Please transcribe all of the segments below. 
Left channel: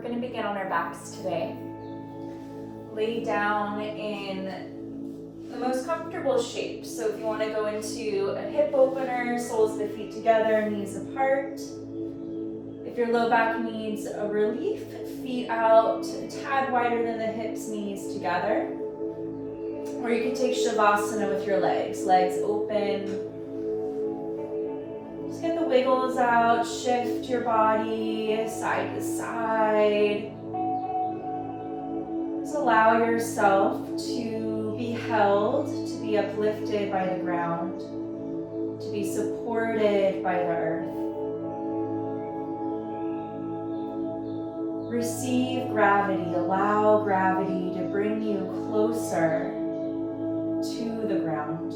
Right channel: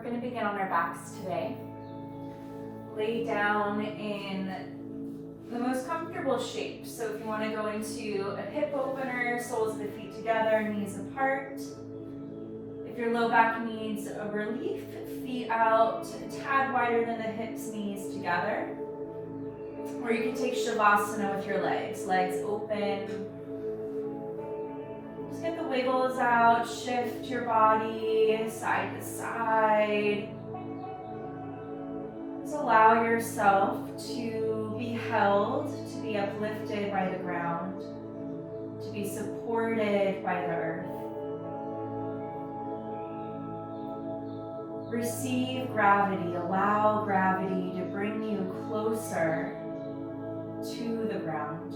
We're going to begin on our backs today. Lay down in the most comfortable shape. So if you want to go into a hip opener, soles of the feet together, knees apart. If your low back needs a relief, feet out, a tad wider than the hips, knees together. Or you can take Shavasana with your legs open. Just get the wiggles out, shift your body side to side. Just allow yourself to be held, to be uplifted by the ground, to be supported by the earth. Receive gravity, allow gravity to bring you closer to the ground.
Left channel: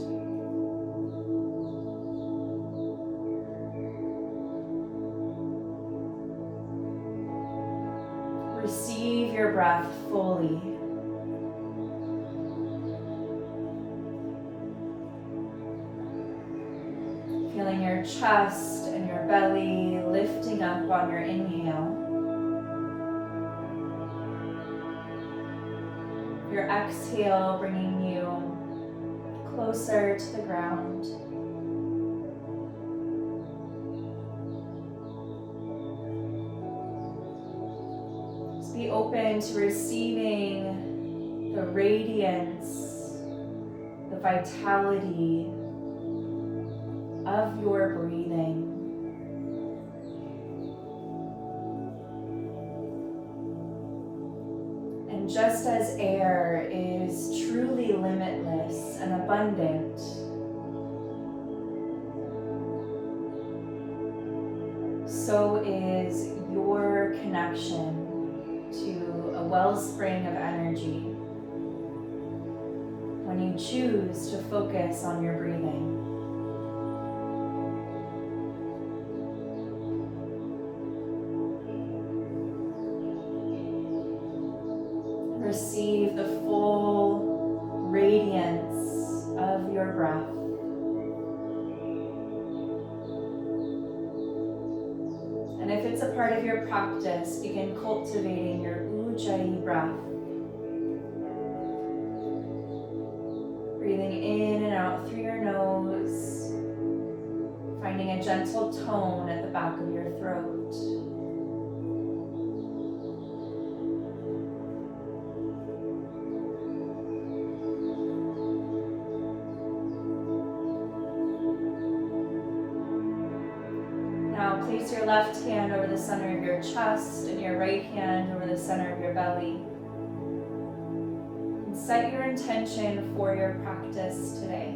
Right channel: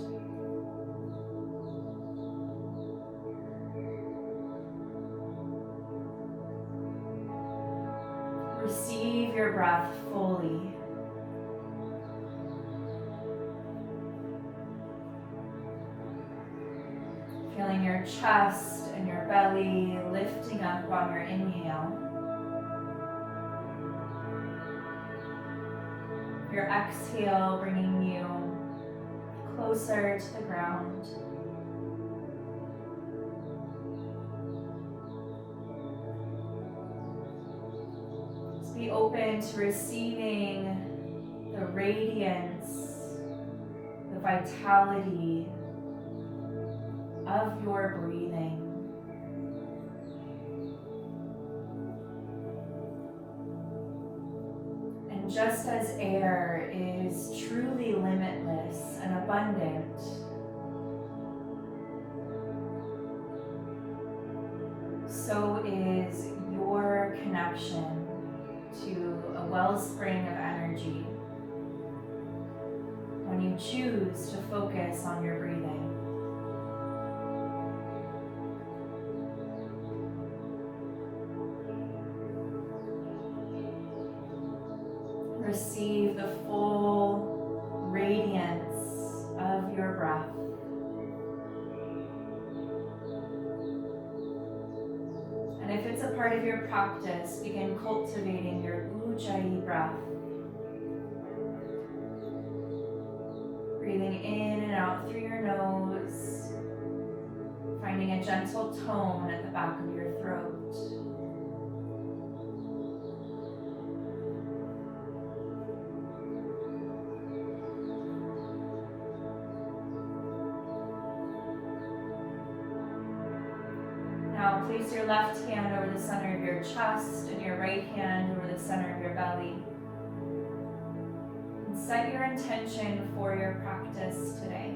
Receive your breath fully. Feeling your chest and your belly lifting up on your inhale. Your exhale bringing you closer to the ground. Just be open to receiving the radiance, the vitality of your breathing. And just as air is truly limitless and abundant, so is your connection to a wellspring of energy when you choose to focus on your breathing. Receive the full radiance of your breath. And if it's a part of your practice, begin cultivating your Ujjayi breath. Breathing in and out through your nose, finding a gentle tone at the back of your throat. Place your left hand over the center of your chest and your right hand over the center of your belly. And set your intention for your practice today.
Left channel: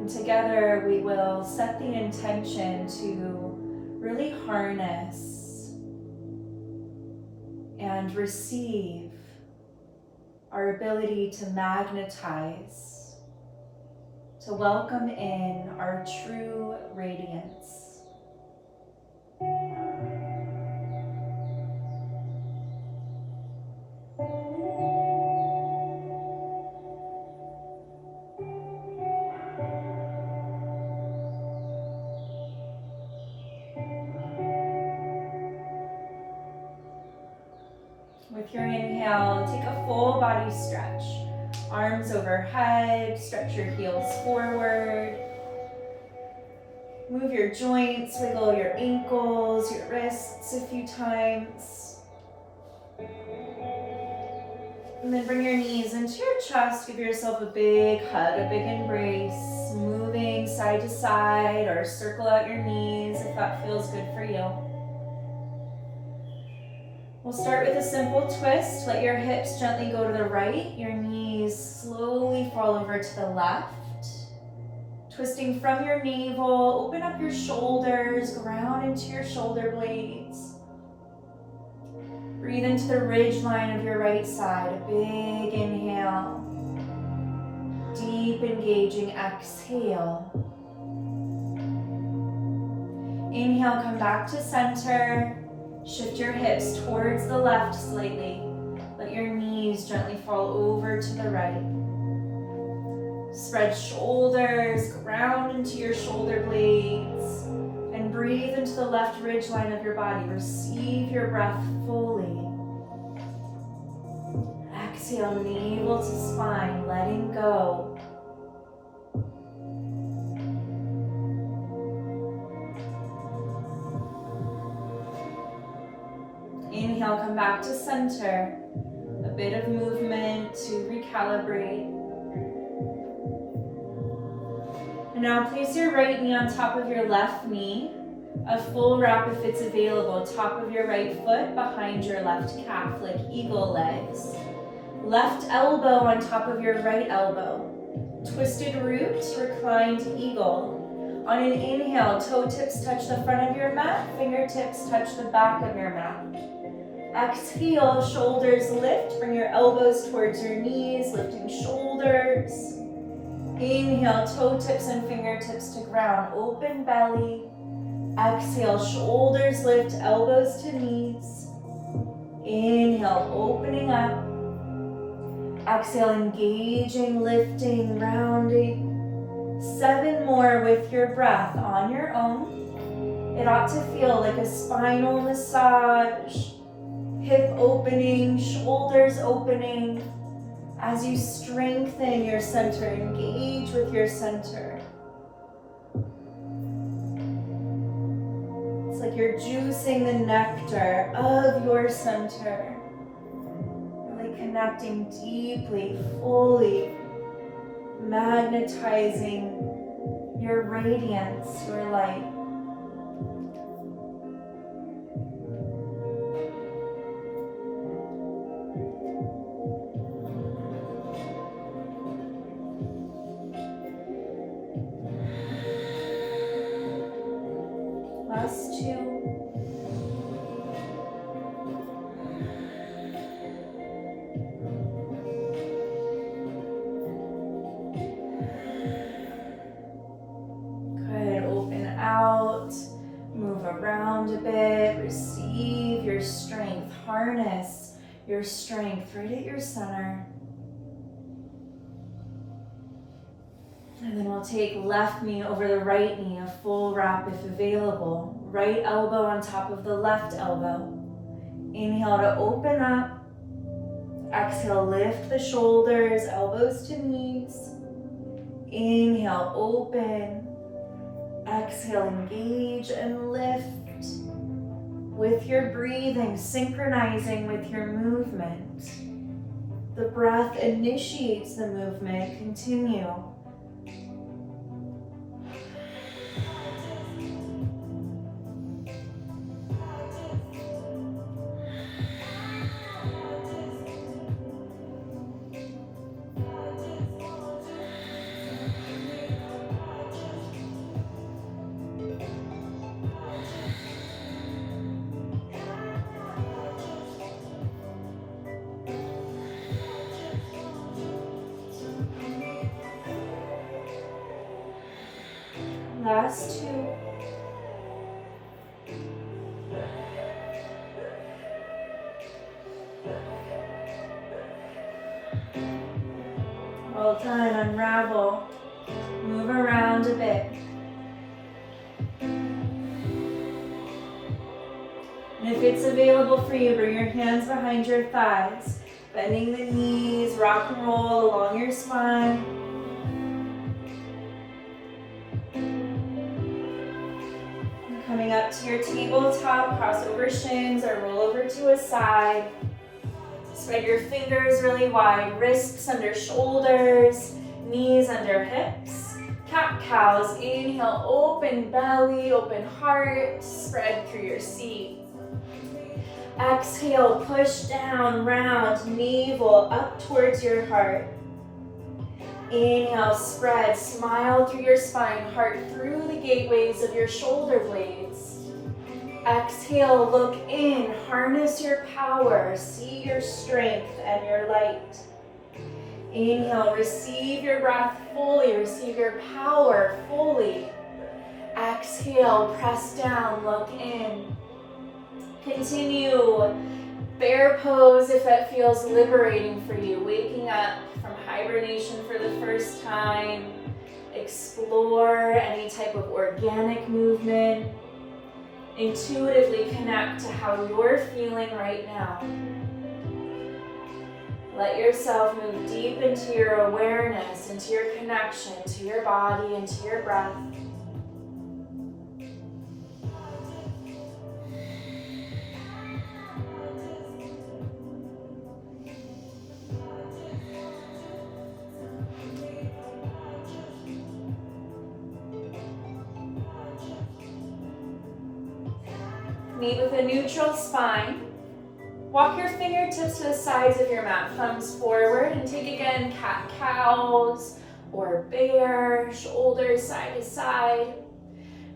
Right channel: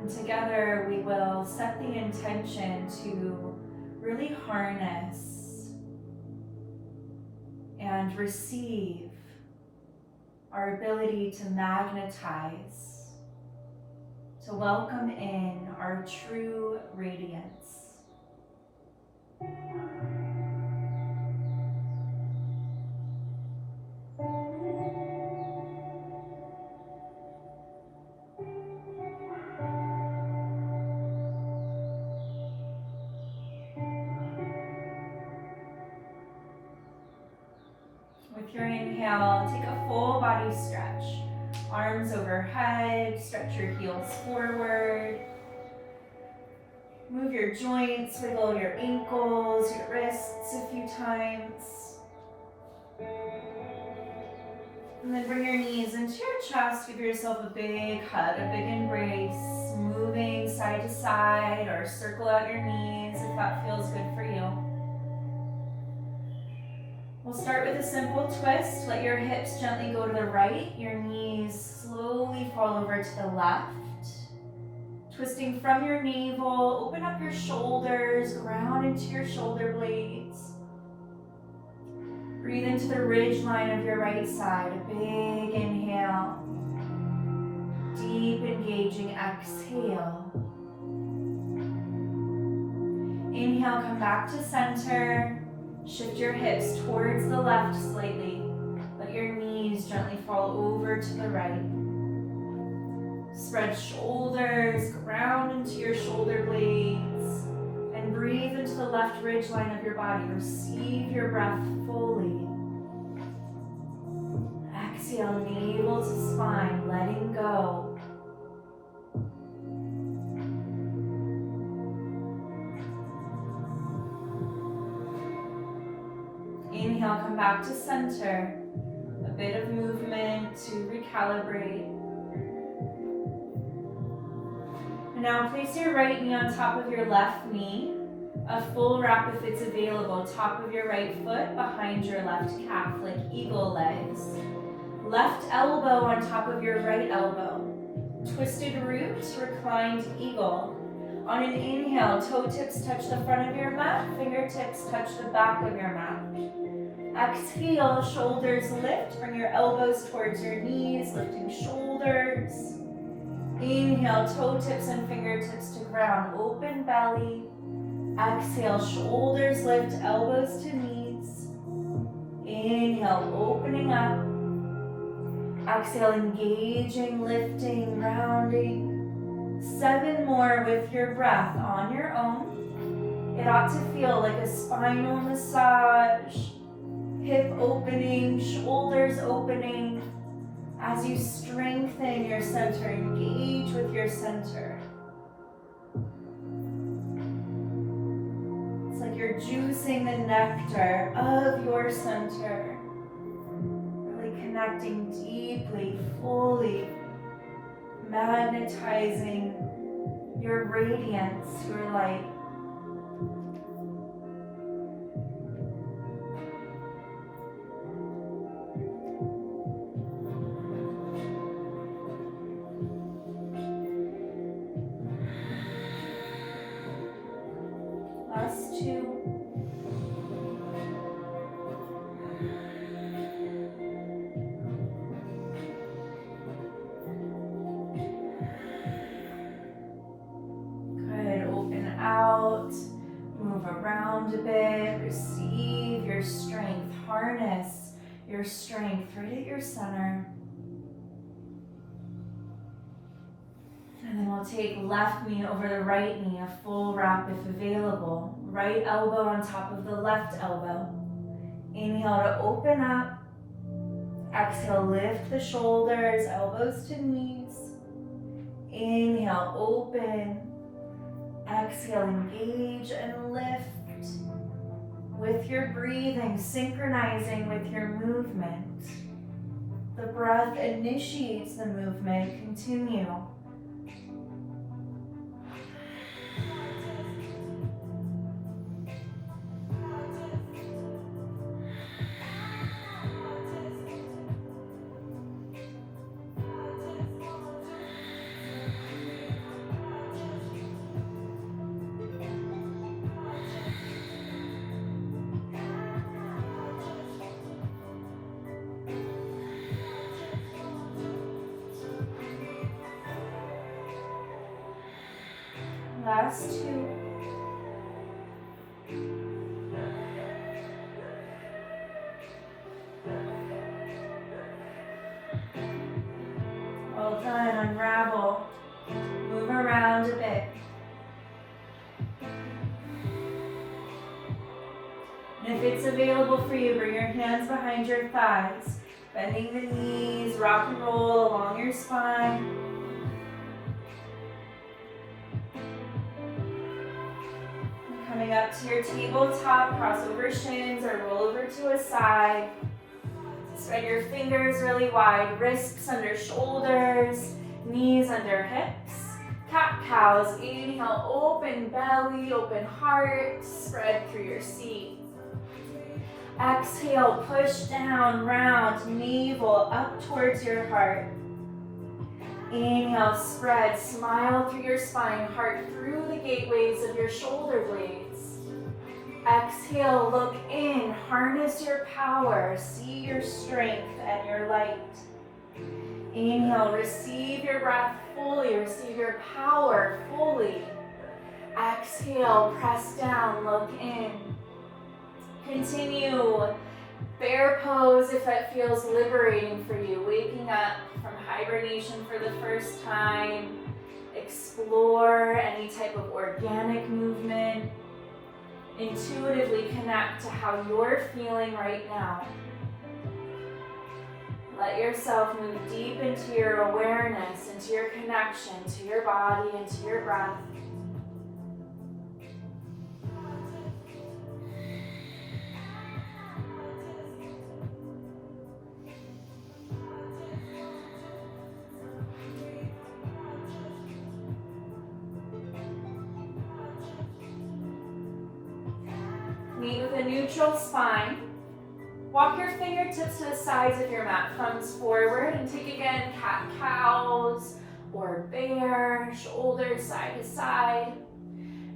And together we will set the intention to really harness and receive our ability to magnetize, to welcome in our true radiance. With your inhale, take a full body stretch. Arms overhead, stretch your heels forward. Move your joints, wiggle your ankles, your wrists a few times. And then bring your knees into your chest, give yourself a big hug, a big embrace, moving side to side or circle out your knees if that feels good for you. We'll start with a simple twist. Let your hips gently go to the right. Your knees slowly fall over to the left. Twisting from your navel, open up your shoulders, ground into your shoulder blades. Breathe into the ridge line of your right side. A big inhale. Deep engaging exhale. Inhale, come back to center. Shift your hips towards the left slightly. Let your knees gently fall over to the right. Spread shoulders, ground into your shoulder blades, and breathe into the left ridge line of your body. Receive your breath fully. Exhale, navel to spine, letting go. Inhale, come back to center. A bit of movement to recalibrate. And now place your right knee on top of your left knee. A full wrap if it's available. Top of your right foot behind your left calf, like eagle legs. Left elbow on top of your right elbow. Twisted root, reclined eagle. On an inhale, toe tips touch the front of your mat, fingertips touch the back of your mat. Exhale, shoulders lift, bring your elbows towards your knees, lifting shoulders. Inhale, toe tips and fingertips to ground, open belly. Exhale, shoulders lift, elbows to knees. Inhale, opening up. Exhale, engaging, lifting, rounding. 7 more with your breath on your own. It ought to feel like a spinal massage. Hip opening, shoulders opening. As you strengthen your center, engage with your center. It's like you're juicing the nectar of your center. Really connecting deeply, fully, magnetizing your radiance, your light. Last 2. Good, open out, move around a bit, receive your strength, harness your strength right at your center. And then we'll take left knee over the right knee, a full wrap if available. Right elbow on top of the left elbow. Inhale to open up. Exhale, lift the shoulders, elbows to knees. Inhale, open. Exhale, engage and lift. With your breathing, synchronizing with your movement. The breath initiates the movement. Continue. Last 2. Well done, unravel. Move around a bit. And if it's available for you, bring your hands behind your thighs, bending the knees, rock and roll along your spine. Coming up to your tabletop, cross over shins or roll over to a side. Spread your fingers really wide, wrists under shoulders, knees under hips. Cat-cows, inhale, open belly, open heart, spread through your seat. Exhale, push down, round, navel up towards your heart. Inhale, spread, smile through your spine, heart through the gateways of your shoulder blades. Exhale, look in, harness your power, see your strength and your light. Inhale, receive your breath fully, receive your power fully. Exhale, press down, look in. Continue bear pose if that feels liberating for you, waking up from hibernation for the first time. Explore any type of organic movement. Intuitively connect to how you're feeling right now. Let yourself move deep into your awareness, into your connection to your body and to your breath. Meet with a neutral spine. Walk your fingertips to the sides of your mat, thumbs forward, and take again cat-cows or bear, shoulders side to side.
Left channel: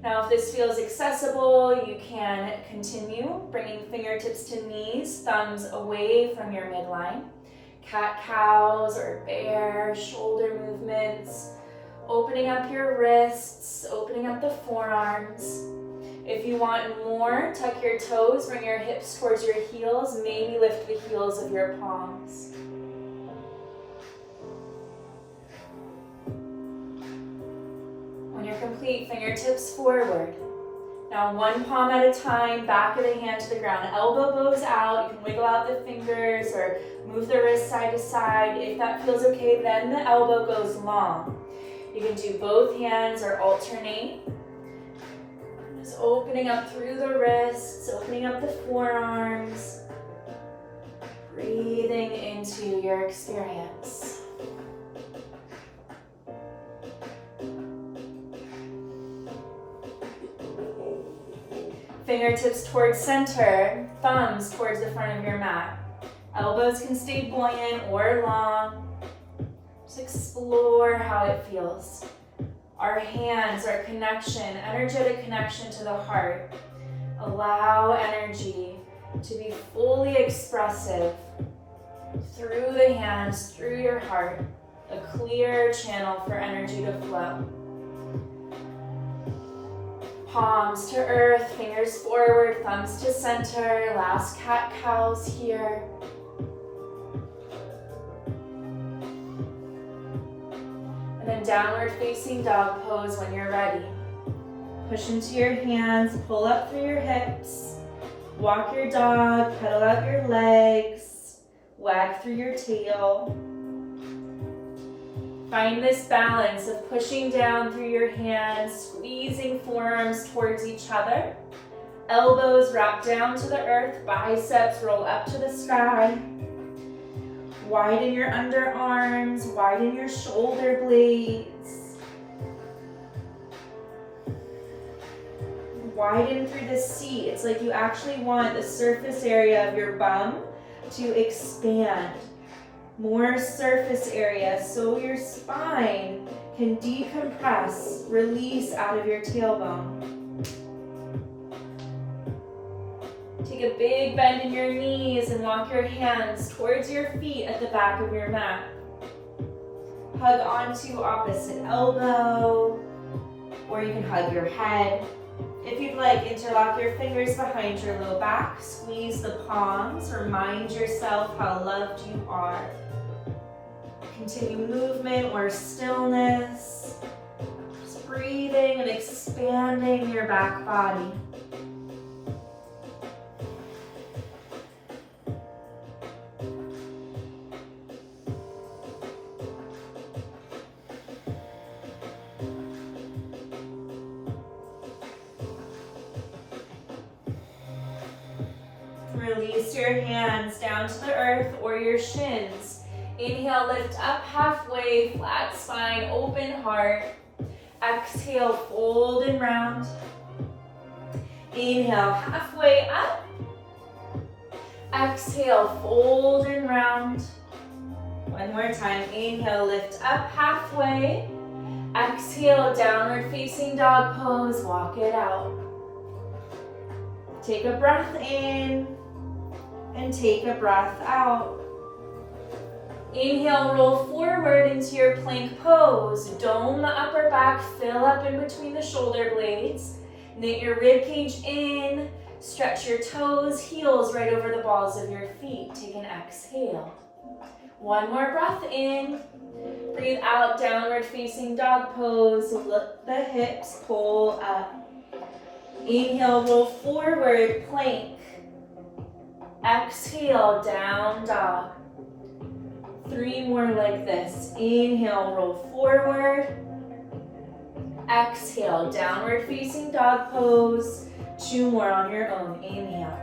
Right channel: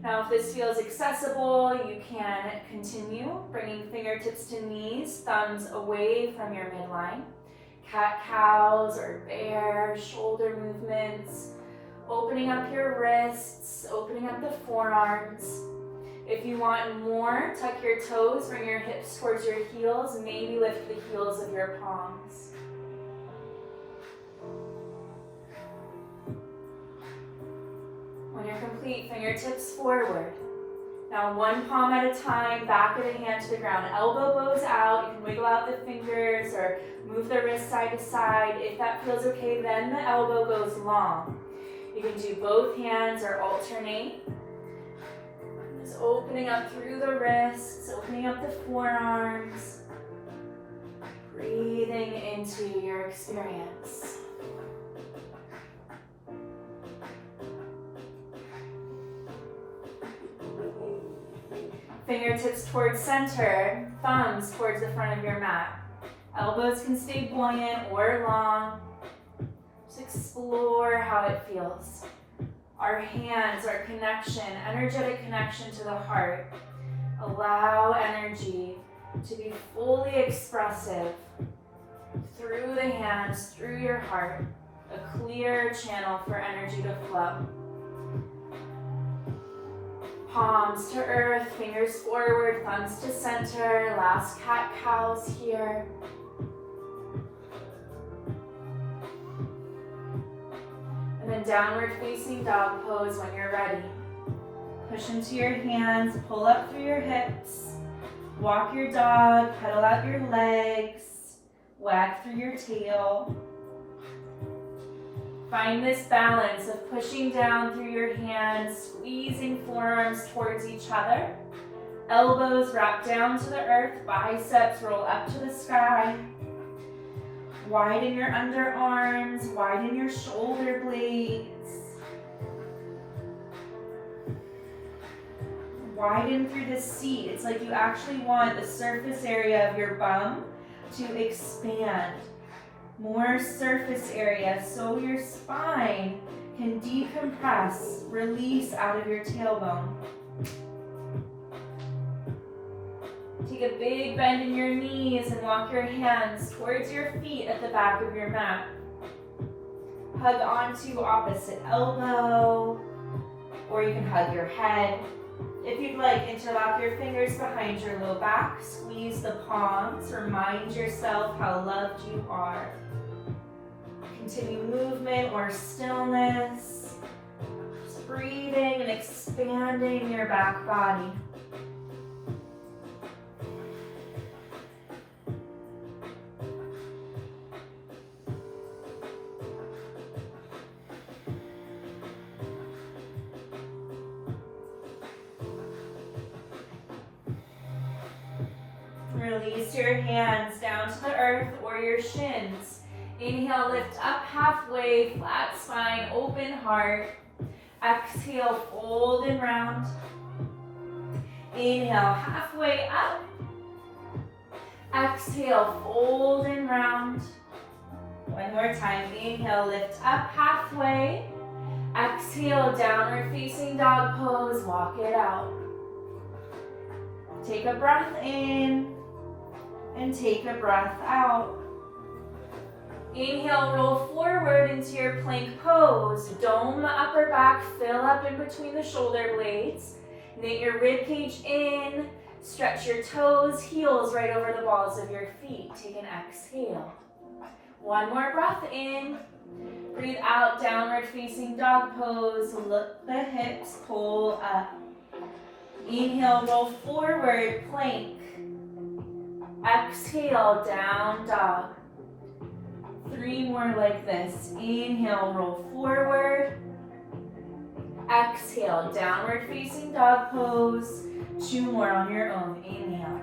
Now if this feels accessible, you can continue bringing fingertips to knees, thumbs away from your midline. Cat-cows or bear, shoulder movements, opening up your wrists, opening up the forearms. If you want more, tuck your toes, bring your hips towards your heels, maybe lift the heels of your palms. When you're complete, fingertips forward. Now one palm at a time, back of the hand to the ground. Elbow bows out, you can wiggle out the fingers or move the wrist side to side. If that feels okay, then the elbow goes long. You can do both hands or alternate. Just opening up through the wrists, opening up the forearms, breathing into your experience. Fingertips towards center, thumbs towards the front of your mat. Elbows can stay buoyant or long. Just explore how it feels. Our hands, our connection, energetic connection to the heart. Allow energy to be fully expressive through the hands, through your heart. A clear channel for energy to flow. Palms to earth, fingers forward, thumbs to center. Last cat-cows here. And then downward facing dog pose when you're ready. Push into your hands, pull up through your hips. Walk your dog, pedal out your legs. Wag through your tail. Find this balance of pushing down through your hands, squeezing forearms towards each other. Elbows wrap down to the earth, biceps roll up to the sky. Widen your underarms, widen your shoulder blades. Widen through the seat. It's like you actually want the surface area of your bum to expand. More surface area so your spine can decompress, release out of your tailbone. Take a big bend in your knees and walk your hands towards your feet at the back of your mat. Hug onto opposite elbow, or you can hug your head. If you'd like, interlock your fingers behind your low back, squeeze the palms, remind yourself how loved you are. Continue movement or stillness, just breathing and expanding your back body. Release your hands down to the earth or your shins. Inhale, lift up halfway, flat spine, open heart. Exhale, fold and round. Inhale, halfway up. Exhale, fold and round. One more time. Inhale, lift up halfway. Exhale, downward facing dog pose. Walk it out. Take a breath in and take a breath out. Inhale, roll forward into your plank pose. Dome the upper back, fill up in between the shoulder blades. Knit your rib cage in, stretch your toes, heels right over the balls of your feet. Take an exhale. One more breath in Breathe out, downward facing dog pose. Lift the hips, pull up. Inhale, roll forward, plank. Exhale, down dog. 3 more like this. Inhale, roll forward. Exhale, downward facing dog pose. 2 more on your own. Inhale.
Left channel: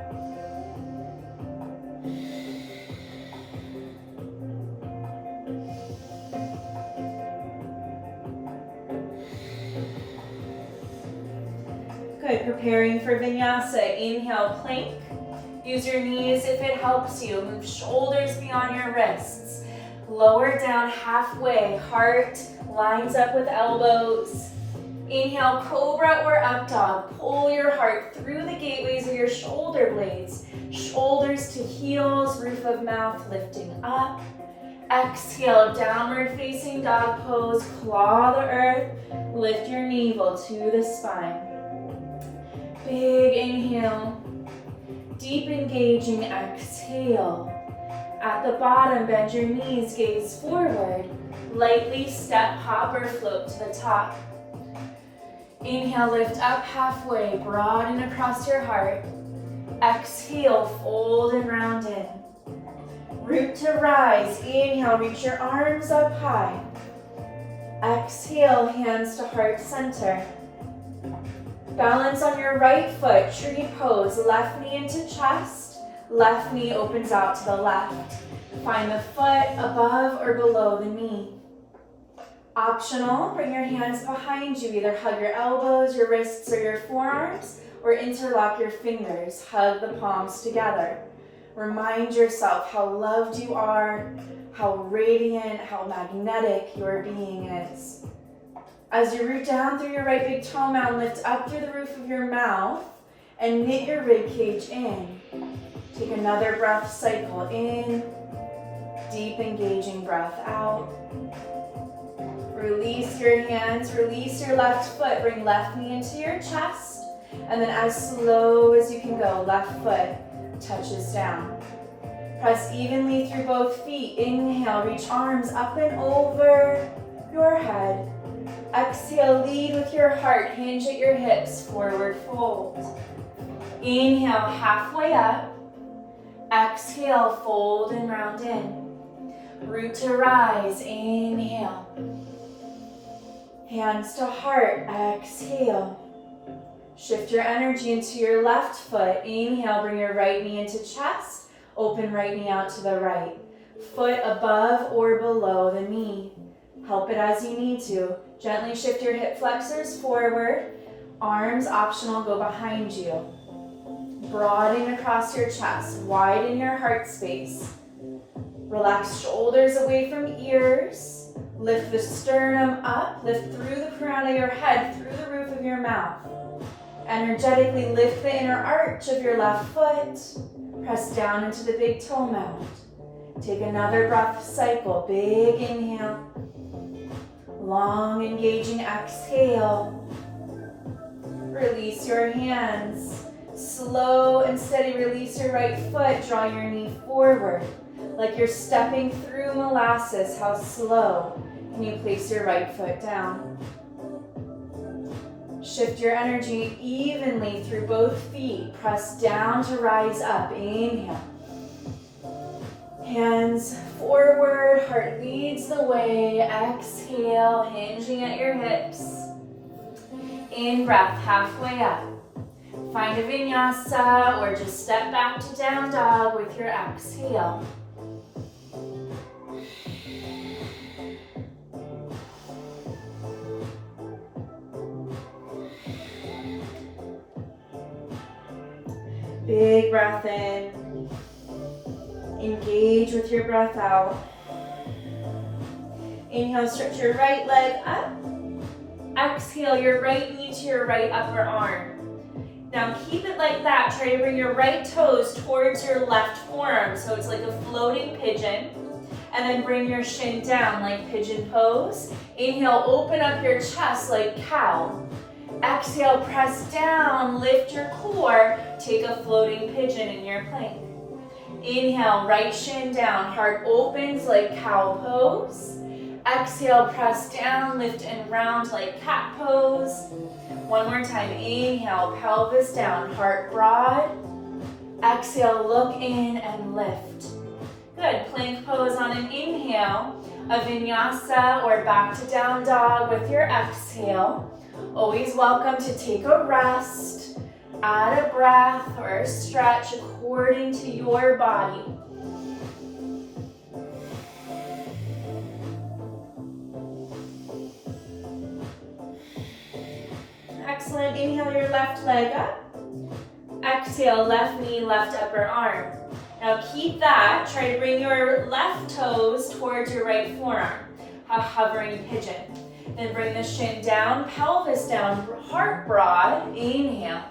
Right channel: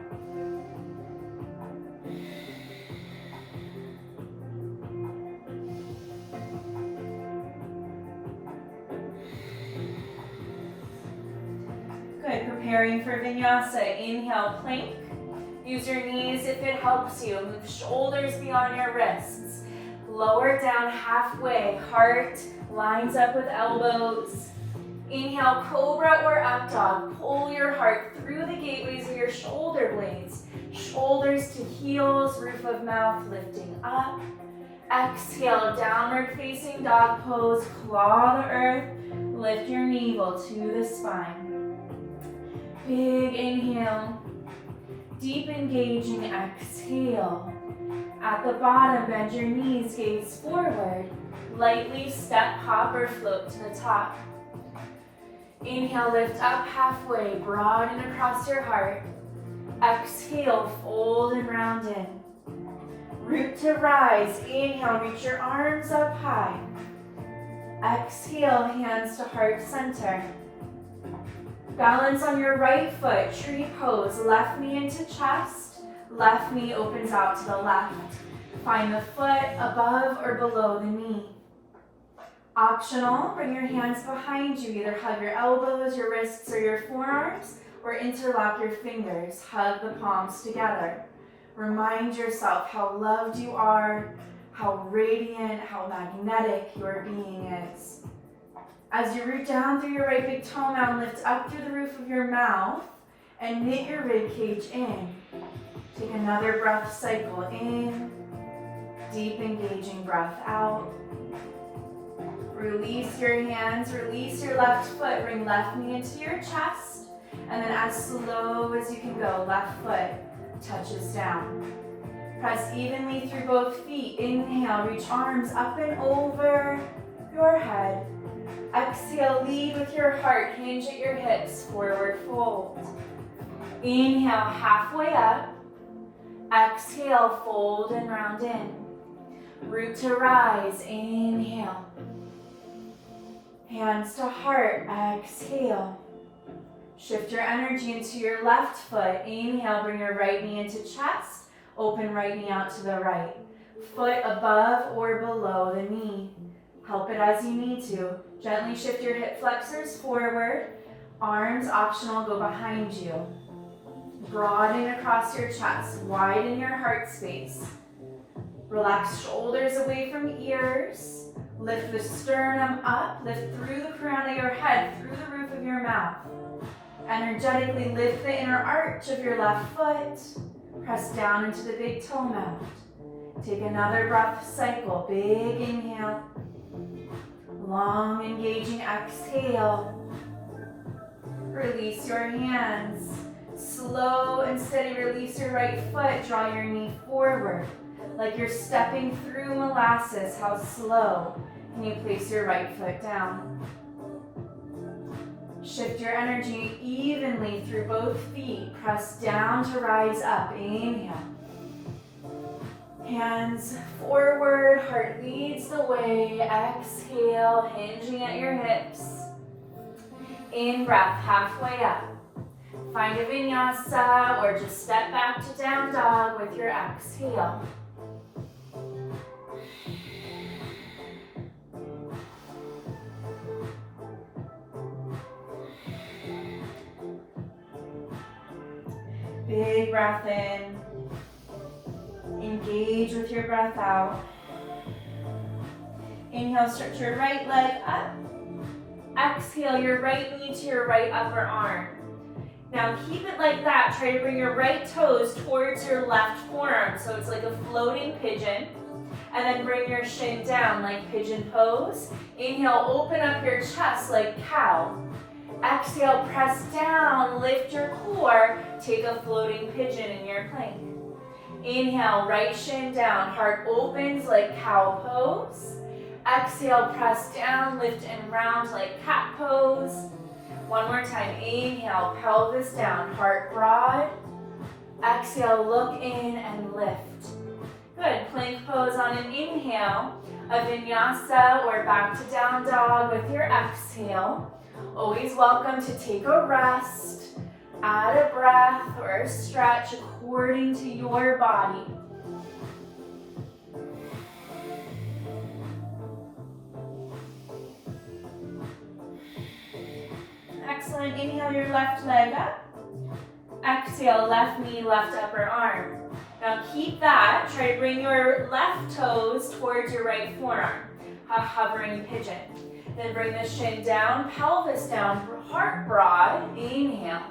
Good, preparing for vinyasa. Inhale, plank. Use your knees if it helps you. Move shoulders beyond your wrists. Lower down halfway. Heart lines up with elbows. Inhale, cobra or up dog. Pull your heart through the gateways of your shoulder blades. Shoulders to heels, roof of mouth lifting up. Exhale, downward facing dog pose. Claw the earth. Lift your navel to the spine. Big inhale. Deep engaging exhale. At the bottom, bend your knees, gaze forward. Lightly step, hop, or float to the top. Inhale, lift up halfway, broaden across your heart. Exhale, fold and round in. Root to rise. Inhale, reach your arms up high. Exhale, hands to heart center. Balance on your right foot, tree pose. Left knee into chest, left knee opens out to the left. Find the foot above or below the knee. Optional, bring your hands behind you. Either hug your elbows, your wrists, or your forearms, or interlock your fingers. Hug the palms together. Remind yourself how loved you are, how radiant, how magnetic your being is. As you root down through your right big toe mound, lift up through the roof of your mouth and knit your rib cage in. Take another breath cycle in. Deep engaging breath out. Release your hands, release your left foot, bring left knee into your chest, and then as slow as you can go, left foot touches down. Press evenly through both feet. Inhale, reach arms up and over your head. Exhale, lead with your heart, hinge at your hips, forward fold. Inhale, halfway up. Exhale, fold and round in. Root to rise, inhale. Hands to heart, exhale. Shift your energy into your left foot. Inhale, bring your right knee into chest. Open right knee out to the right. Foot above or below the knee. Help it as you need to. Gently shift your hip flexors forward. Arms optional, go behind you. Broaden across your chest. Widen your heart space. Relax shoulders away from ears. Lift the sternum up. Lift through the crown of your head, through the roof of your mouth. Energetically lift the inner arch of your left foot. Press down into the big toe mound. Take another breath cycle. Big inhale. Long engaging exhale. Release your hands. Slow and steady release your right foot. Draw your knee forward. Like you're stepping through molasses. How slow can you place your right foot down? Shift your energy evenly through both feet. Press down to rise up. Inhale. Hands forward, heart leads the way. Exhale, hinging at your hips. In breath, halfway up. Find a vinyasa or just step back to down dog with your exhale. Big breath in. Engage with your breath out. Inhale, stretch your right leg up. Exhale, your right knee to your right upper arm. Now keep it like that. Try to bring your right toes towards your left forearm. So it's like a floating pigeon. And then bring your shin down like pigeon pose. Inhale, open up your chest like cow. Exhale, press down, lift your core. Take a floating pigeon in your plank. Inhale, right shin down, heart opens like cow pose. Exhale, press down, lift and round like cat pose. One more time, inhale, pelvis down, heart broad. Exhale, look in and lift. Good, plank pose on an inhale, a vinyasa or back to down dog with your exhale. Always welcome to take a rest, add a breath or a stretch according to your body. Excellent, inhale your left leg up. Exhale, left knee, left upper arm. Now keep that, try to bring your left toes towards your right forearm, a hovering pigeon. Then bring the shin down, pelvis down, heart broad, inhale.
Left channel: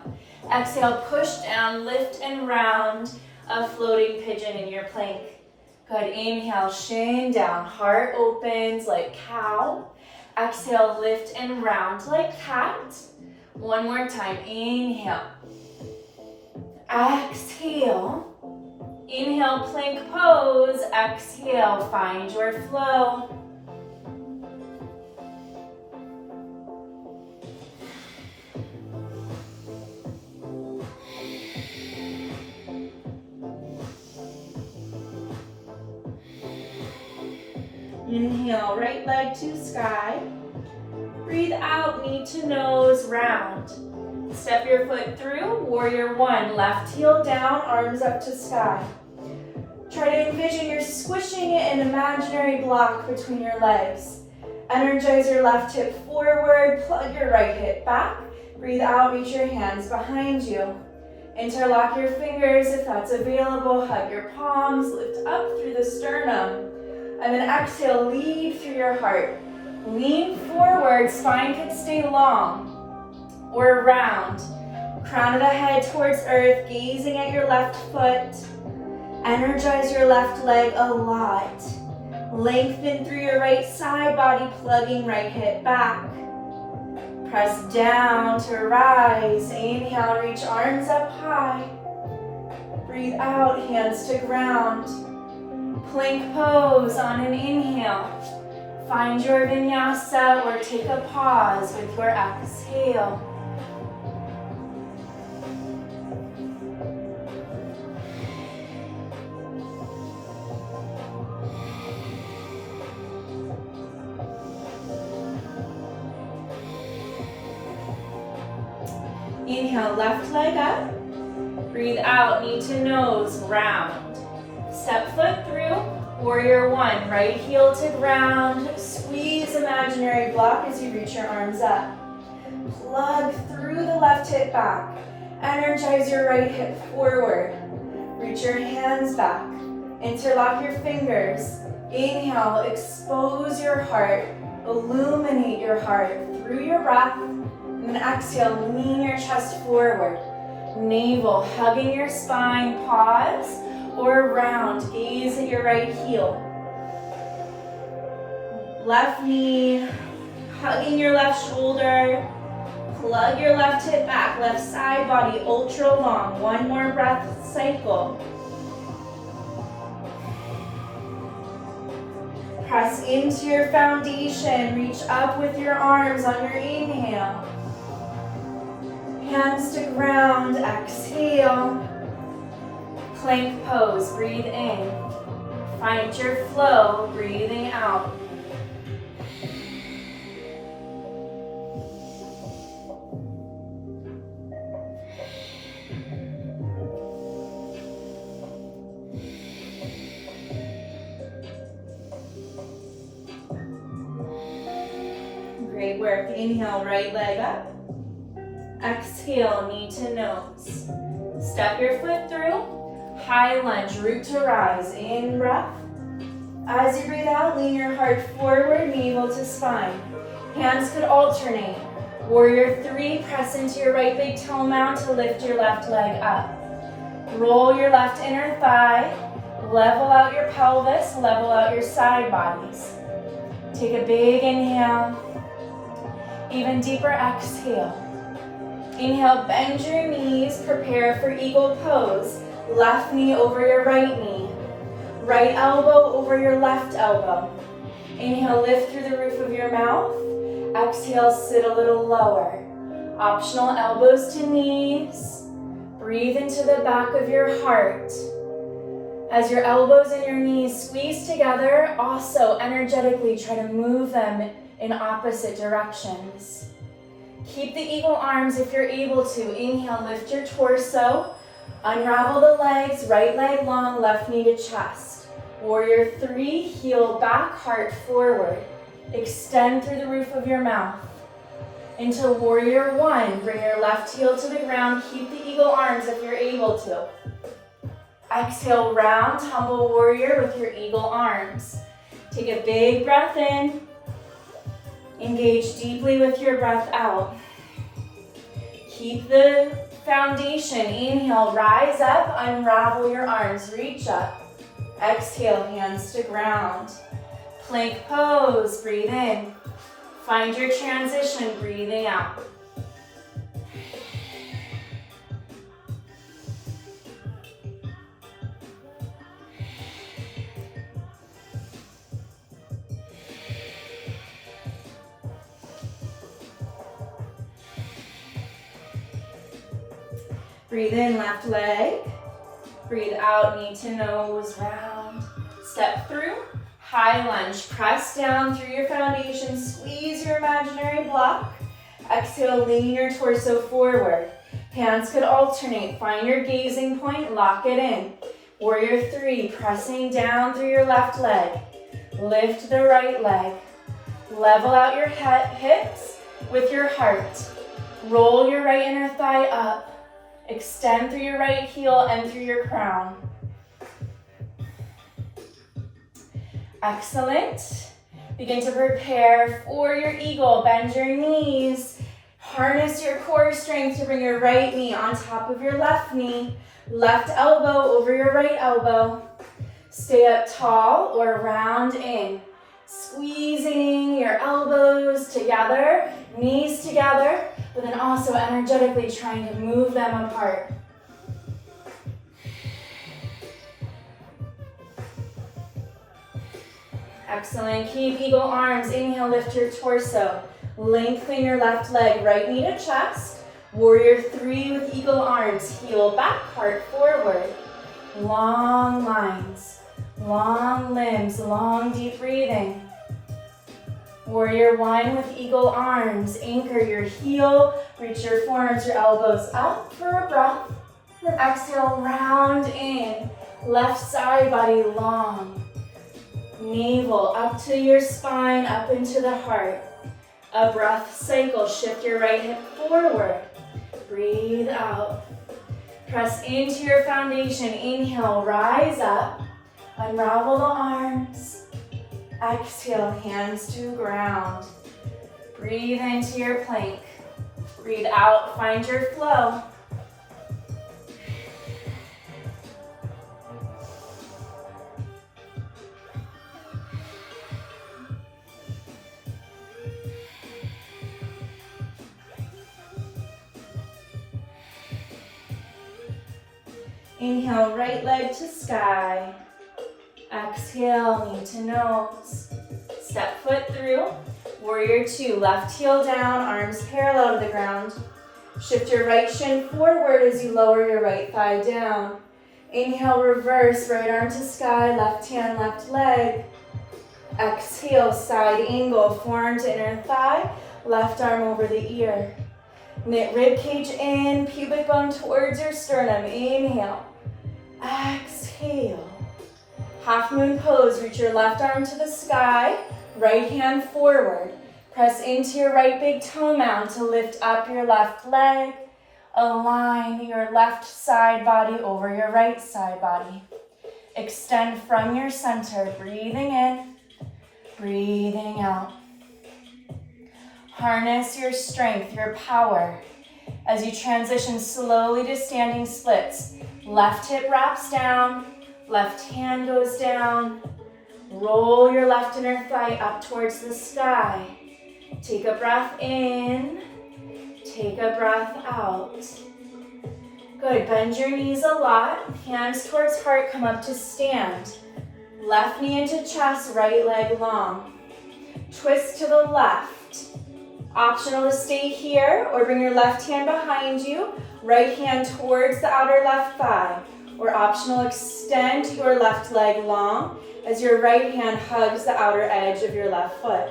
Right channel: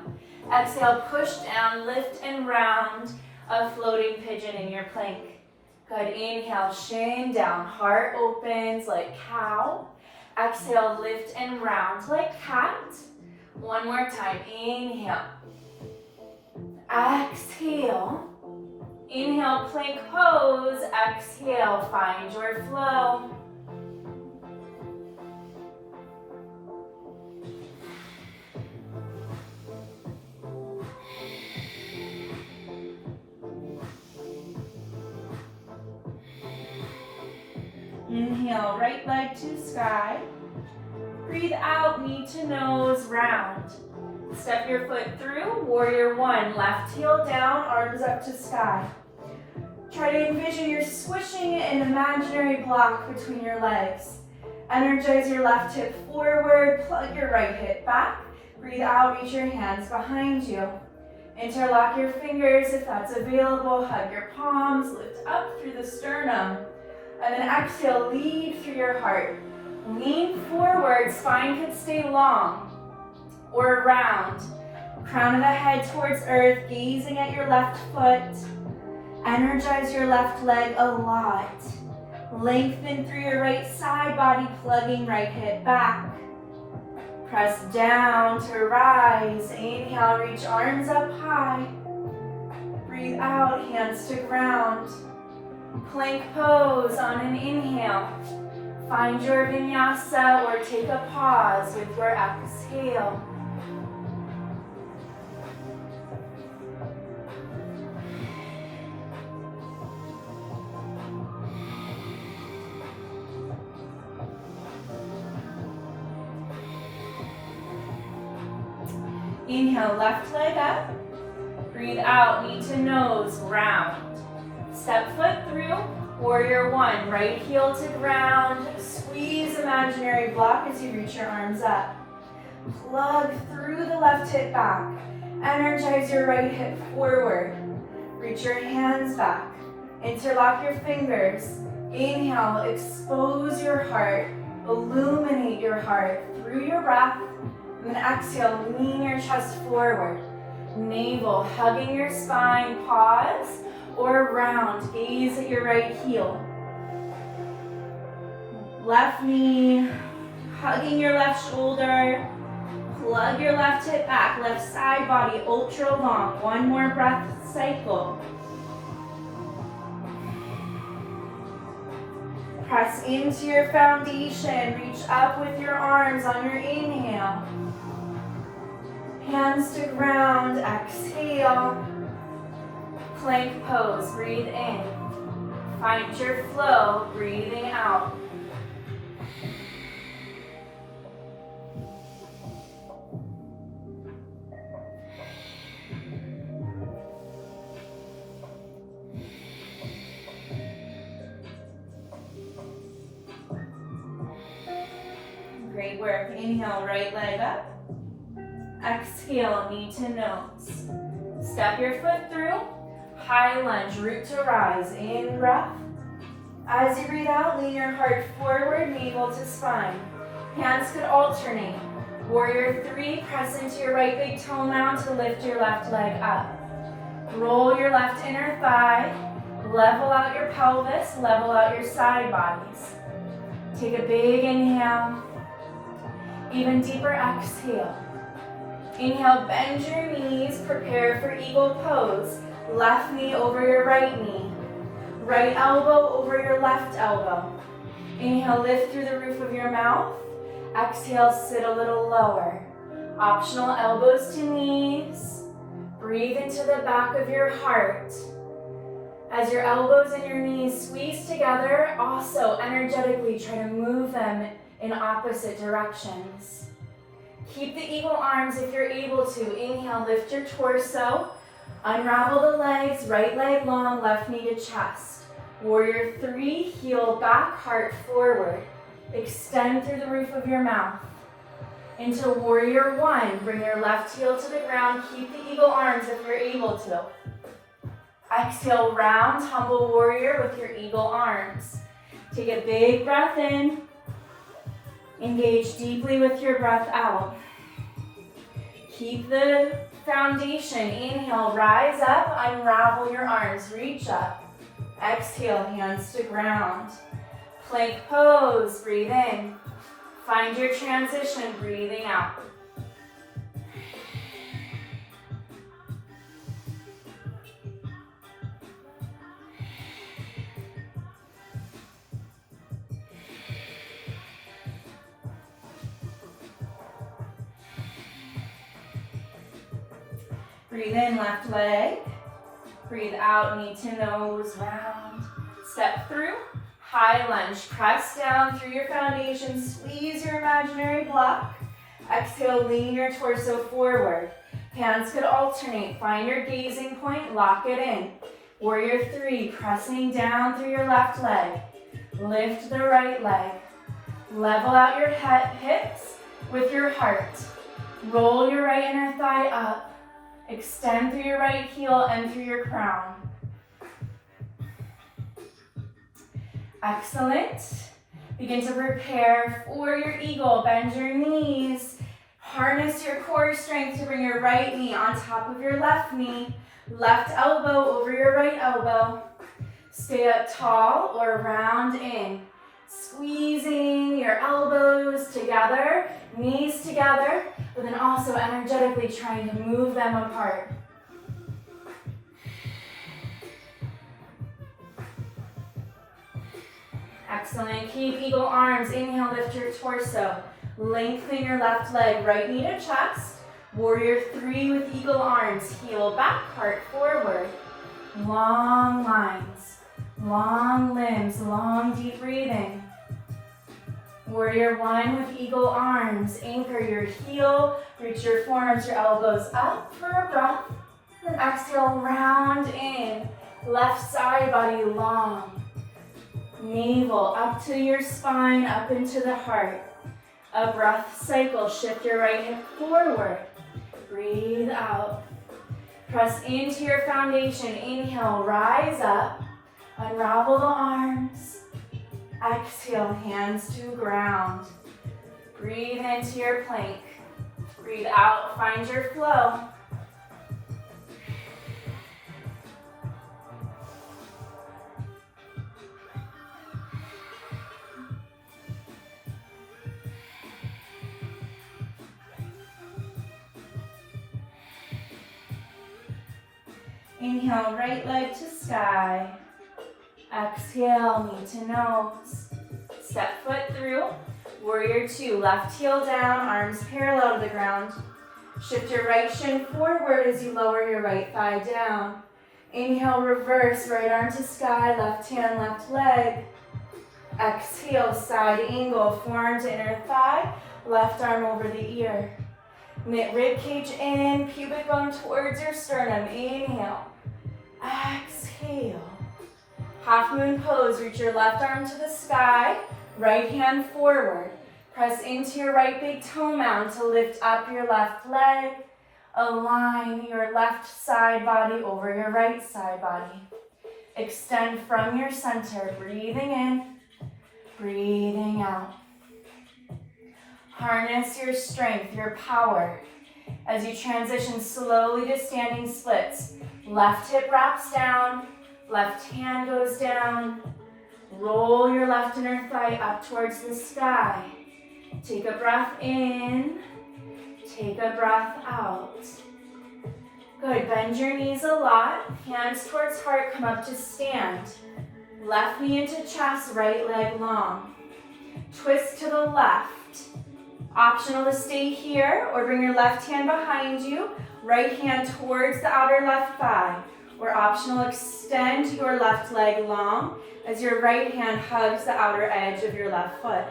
Exhale, push down, lift and round, a floating pigeon in your plank. Good, inhale, shin down, heart opens like cow. Exhale, lift and round like cat. One more time, inhale. Exhale. Inhale, plank pose. Exhale, find your flow. Inhale, right leg to sky. Breathe out, knee to nose, round. Step your foot through, warrior one, left heel down, arms up to sky. Try to envision you're squishing an imaginary block between your legs. Energize your left hip forward, plug your right hip back. Breathe out, reach your hands behind you. Interlock your fingers if that's available, hug your palms, lift up through the sternum. And then exhale, lead through your heart. Lean forward, spine could stay long or round. Crown of the head towards earth, gazing at your left foot. Energize your left leg a lot. Lengthen through your right side body, plugging right hip back. Press down to rise. Inhale, reach arms up high. Breathe out, hands to ground. Plank pose on an inhale. Find your vinyasa or take a pause with your exhale. Inhale, left leg up. Breathe out, knee to nose, round. Step foot through, warrior one, right heel to ground. Squeeze imaginary block as you reach your arms up. Plug through the left hip back. Energize your right hip forward. Reach your hands back. Interlock your fingers. Inhale, expose your heart. Illuminate your heart through your breath. And then exhale, lean your chest forward. Navel hugging your spine, pause. Or round, gaze at your right heel. Left knee, hugging your left shoulder. Plug your left hip back, left side body ultra long. One more breath cycle. Press into your foundation, reach up with your arms on your inhale. Hands to ground, exhale. Plank pose, breathe in. Find your flow, breathing out. Great work. Inhale, right leg up. Exhale, knee to nose. Step your foot through. High lunge, root to rise, in breath. As you breathe out, lean your heart forward, navel to spine. Hands could alternate. Warrior three, press into your right big toe mound to lift your left leg up. Roll your left inner thigh, level out your pelvis, level out your side bodies. Take a big inhale, even deeper exhale. Inhale, bend your knees, prepare for eagle pose. Left knee over your right knee. Right elbow over your left elbow. Inhale, lift through the roof of your mouth. Exhale, sit a little lower. Optional elbows to knees. Breathe into the back of your heart. As your elbows and your knees squeeze together, also energetically try to move them in opposite directions. Keep the eagle arms if you're able to. Inhale, lift your torso. Unravel the legs, right leg long, left knee to chest. Warrior 3, heel back, heart forward. Extend through the roof of your mouth. Into Warrior 1, bring your left heel to the ground. Keep the eagle arms if you're able to. Exhale, round, humble warrior with your eagle arms. Take a big breath in. Engage deeply with your breath out. Keep the foundation. Inhale, rise up, unravel your arms, reach up. Exhale, hands to ground. Plank pose, breathe in. Find your transition, breathing out. Breathe in, left leg. Breathe out, knee to nose, round. Step through, high lunge. Press down through your foundation. Squeeze your imaginary block. Exhale, lean your torso forward. Hands could alternate. Find your gazing point, lock it in. Warrior 3, pressing down through your left leg. Lift the right leg. Level out your hips with your heart. Roll your right inner thigh up. Extend through your right heel and through your crown. Excellent. Begin to prepare for your eagle. Bend your knees. Harness your core strength to bring your right knee on top of your left knee. Left elbow over your right elbow. Stay up tall or round in. Squeezing your elbows together, knees together, but then also energetically trying to move them apart. Excellent. Keep eagle arms. Inhale, lift your torso. Lengthen your left leg, right knee to chest. Warrior 3 with eagle arms. Heel back, heart forward. Long lines, long limbs, long deep breathing. Warrior 1 with eagle arms. Anchor your heel, reach your forearms, your elbows up for a breath. Then exhale, round in. Left side body long. Navel up to your spine, up into the heart. A breath cycle, shift your right hip forward. Breathe out. Press into your foundation. Inhale, rise up. Unravel the arms. Exhale, hands to ground. Breathe into your plank. Breathe out, find your flow. Inhale, right leg to sky. Exhale, knee to nose. Step foot through. Warrior 2, left heel down, arms parallel to the ground. Shift your right shin forward as you lower your right thigh down. Inhale, reverse, right arm to sky, left hand, left leg. Exhale, side angle, forearm to inner thigh, left arm over the ear. Knit rib cage in, pubic bone towards your sternum. Inhale. Exhale. Half moon pose, reach your left arm to the sky, right hand forward. Press into your right big toe mound to lift up your left leg. Align your left side body over your right side body. Extend from your center, breathing in, breathing out. Harness your strength, your power, as you transition slowly to standing splits. Left hip wraps down, left hand goes down. Roll your left inner thigh up towards the sky. Take a breath in, take a breath out. Good, bend your knees a lot, hands towards heart, come up to stand. Left knee into chest, right leg long. Twist to the left. Optional to stay here or bring your left hand behind you, right hand towards the outer left thigh. Or optional, extend your left leg long as your right hand hugs the outer edge of your left foot.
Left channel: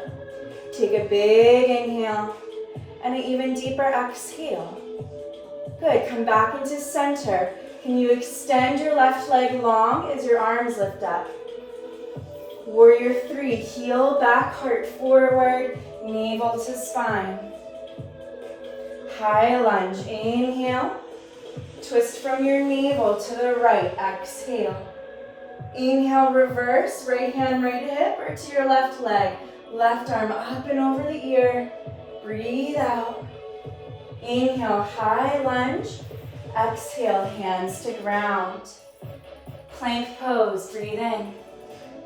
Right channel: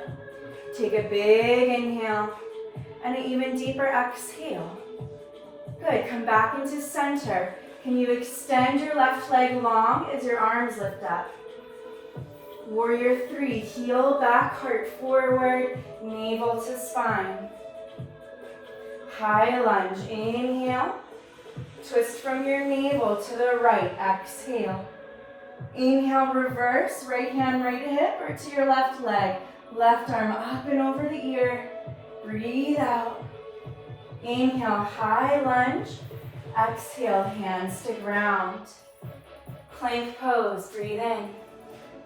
Take a big inhale and an even deeper exhale. Good, come back into center. Can you extend your left leg long as your arms lift up? Warrior 3, heel back, heart forward, navel to spine. High lunge, inhale. Twist from your navel to the right, exhale. Inhale, reverse, right hand, right hip, or to your left leg. Left arm up and over the ear. Breathe out. Inhale, high lunge. Exhale, hands to ground. Plank pose, breathe in.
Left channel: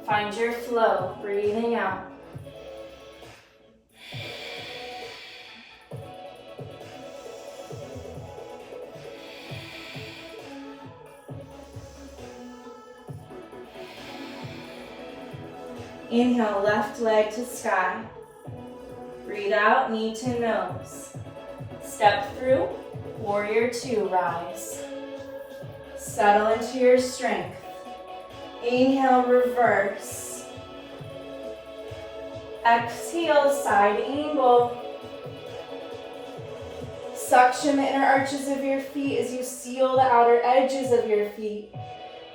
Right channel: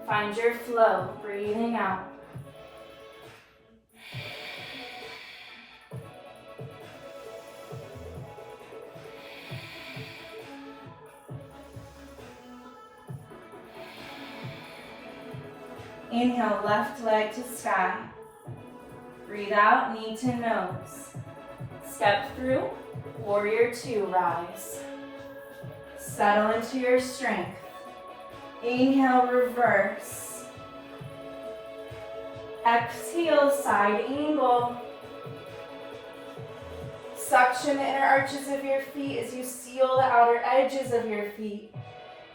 Find your flow, breathing out. Inhale, left leg to sky. Breathe out, knee to nose. Step through, warrior 2, rise. Settle into your strength. Inhale, reverse. Exhale, side angle. Suction the inner arches of your feet as you seal the outer edges of your feet.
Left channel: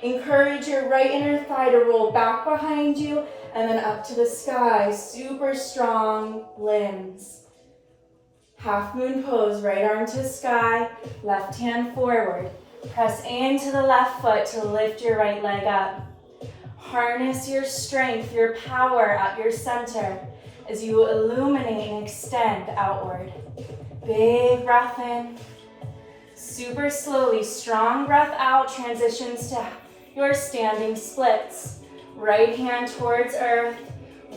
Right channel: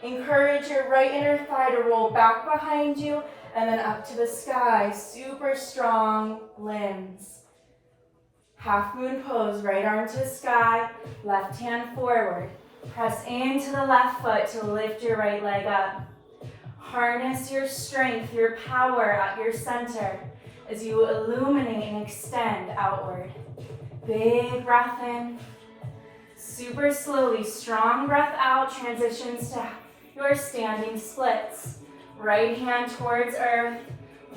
Encourage your right inner thigh to roll back behind you and then up to the sky. Super strong limbs. Half moon pose, right arm to sky, left hand forward. Press into the left foot to lift your right leg up. Harness your strength, your power at your center as you illuminate and extend outward. Big breath in. Super slowly, strong breath out, transitions to your standing splits. Right hand towards earth,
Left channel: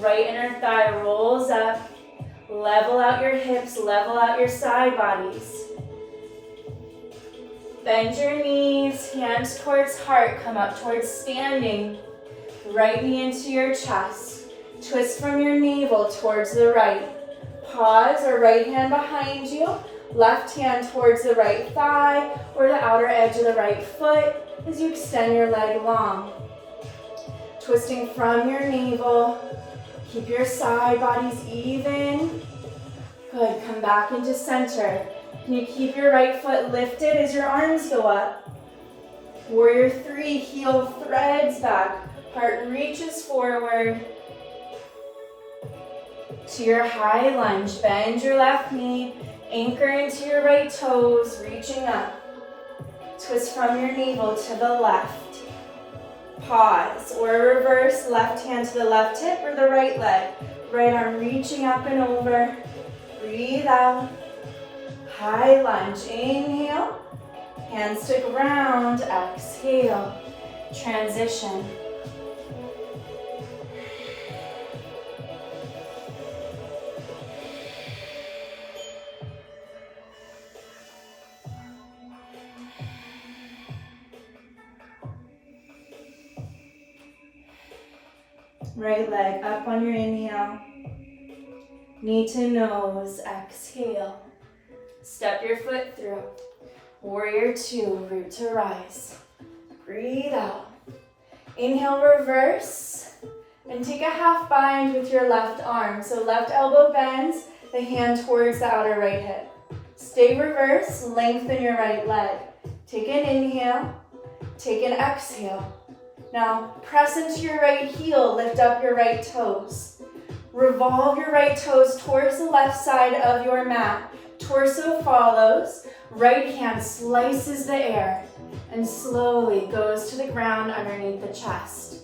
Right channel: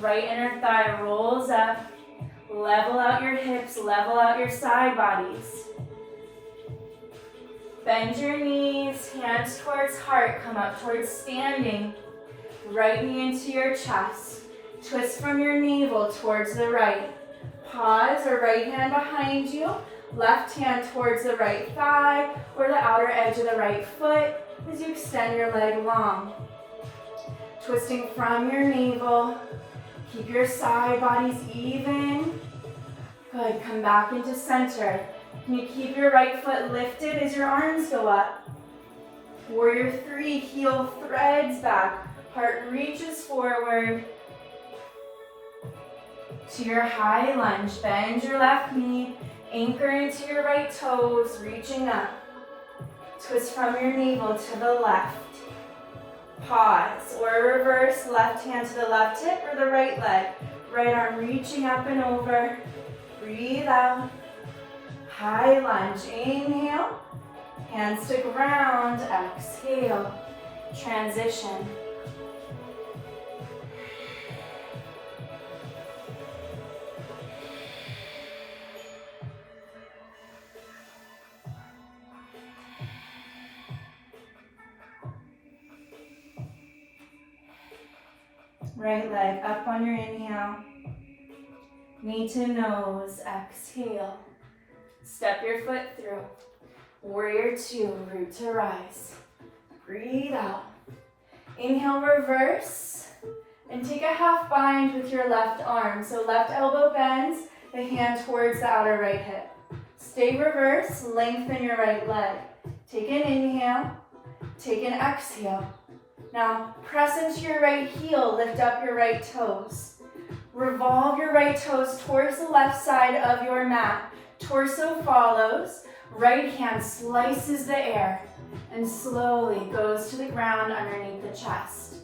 right inner thigh rolls up. Level out your hips, level out your side bodies. Bend your knees, hands towards heart, come up towards standing. Right knee into your chest. Twist from your navel towards the right. Pause or right hand behind you. Left hand towards the right thigh or the outer edge of the right foot as you extend your leg long. Twisting from your navel. Keep your side bodies even. Good, come back into center. Can you keep your right foot lifted as your arms go up? Warrior 3, heel threads back. Heart reaches forward to your high lunge. Bend your left knee. Anchor into your right toes, reaching up. Twist from your navel to the left. Pause or reverse, left hand to the left hip or the right leg. Right arm reaching up and over. Breathe out. High lunge, inhale. Hands to ground, exhale. Transition. Right leg up on your inhale. Knee to nose, exhale. Step your foot through. Warrior 2, root to rise. Breathe out. Inhale, reverse. And take a half bind with your left arm. So left elbow bends, the hand towards the outer right hip. Stay reverse, lengthen your right leg. Take an inhale, take an exhale. Now press into your right heel, lift up your right toes. Revolve your right toes towards the left side of your mat. Torso follows, right hand slices the air and slowly goes to the ground underneath the chest.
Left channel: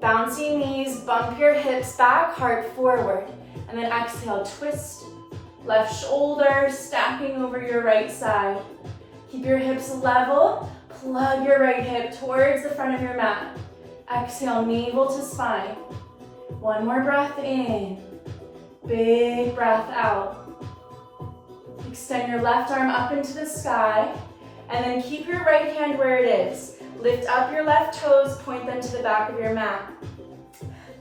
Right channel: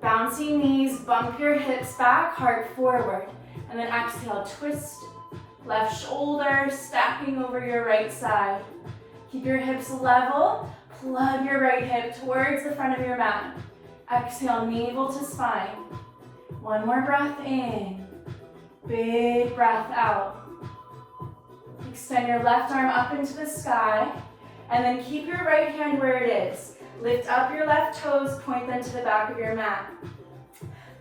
Bouncing knees, bump your hips back, heart forward. And then exhale, twist left shoulder, stacking over your right side. Keep your hips level, plug your right hip towards the front of your mat. Exhale, navel to spine. One more breath in. Big breath out. Extend your left arm up into the sky. And then keep your right hand where it is. Lift up your left toes, point them to the back of your mat.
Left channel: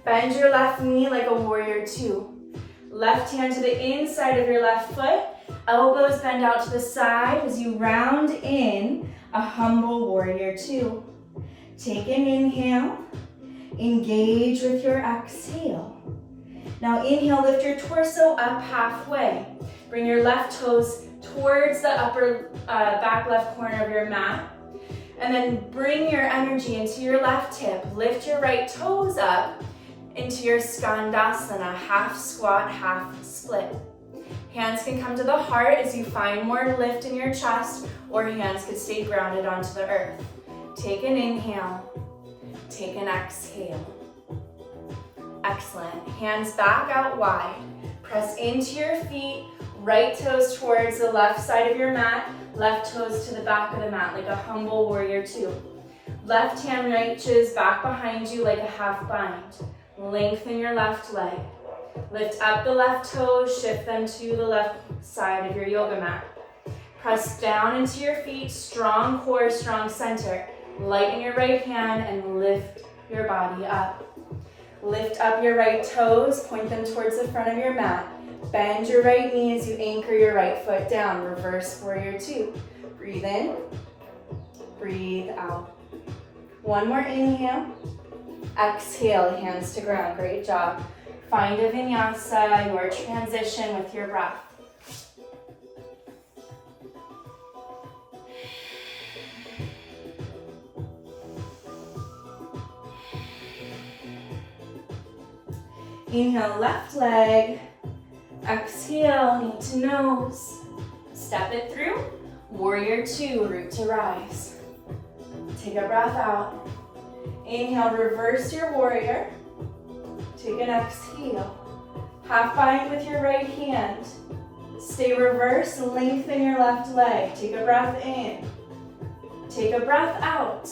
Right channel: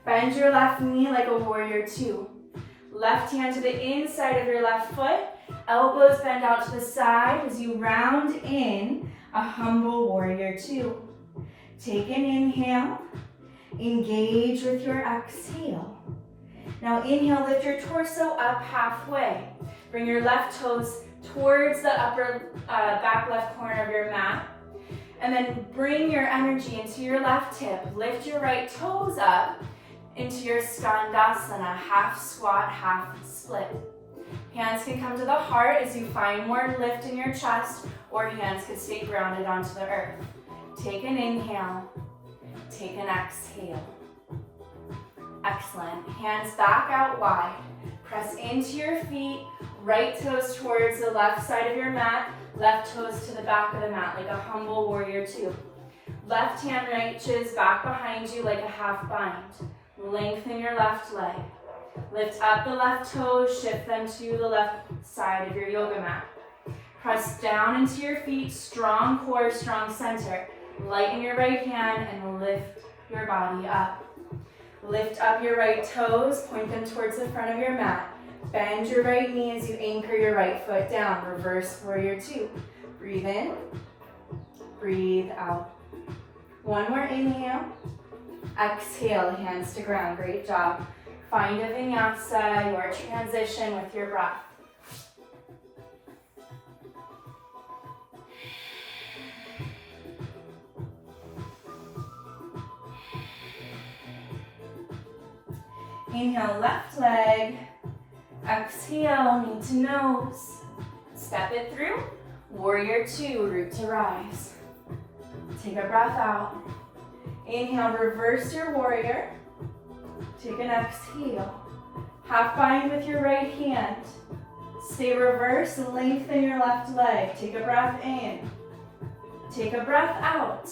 Bend your left knee like a warrior 2. Left hand to the inside of your left foot. Elbows bend out to the side as you round in a humble warrior two. Take an inhale. Engage with your exhale. Now inhale, lift your torso up halfway. Bring your left toes towards the upper back left corner of your mat. And then bring your energy into your left hip. Lift your right toes up into your Skandasana, half squat, half split. Hands can come to the heart as you find more lift in your chest, or hands can stay grounded onto the earth. Take an inhale, take an exhale. Excellent. Hands back out wide. Press into your feet, right toes towards the left side of your mat, left toes to the back of the mat like a humble warrior two. Left hand reaches back behind you like a half bind. Lengthen your left leg. Lift up the left toes, shift them to the left side of your yoga mat. Press down into your feet, strong core, strong center. Lighten your right hand and lift your body up. Lift up your right toes, point them towards the front of your mat. Bend your right knee as you anchor your right foot down. Reverse warrior two. Breathe in, breathe out. One more inhale. Exhale, hands to ground. Great job. Find a vinyasa, your transition with your breath. Inhale, left leg. Exhale, knee to nose. Step it through. Warrior two, root to rise. Take a breath out. Inhale, reverse your warrior. Take an exhale. Half bind with your right hand. Stay reverse, lengthen your left leg. Take a breath in. Take a breath out.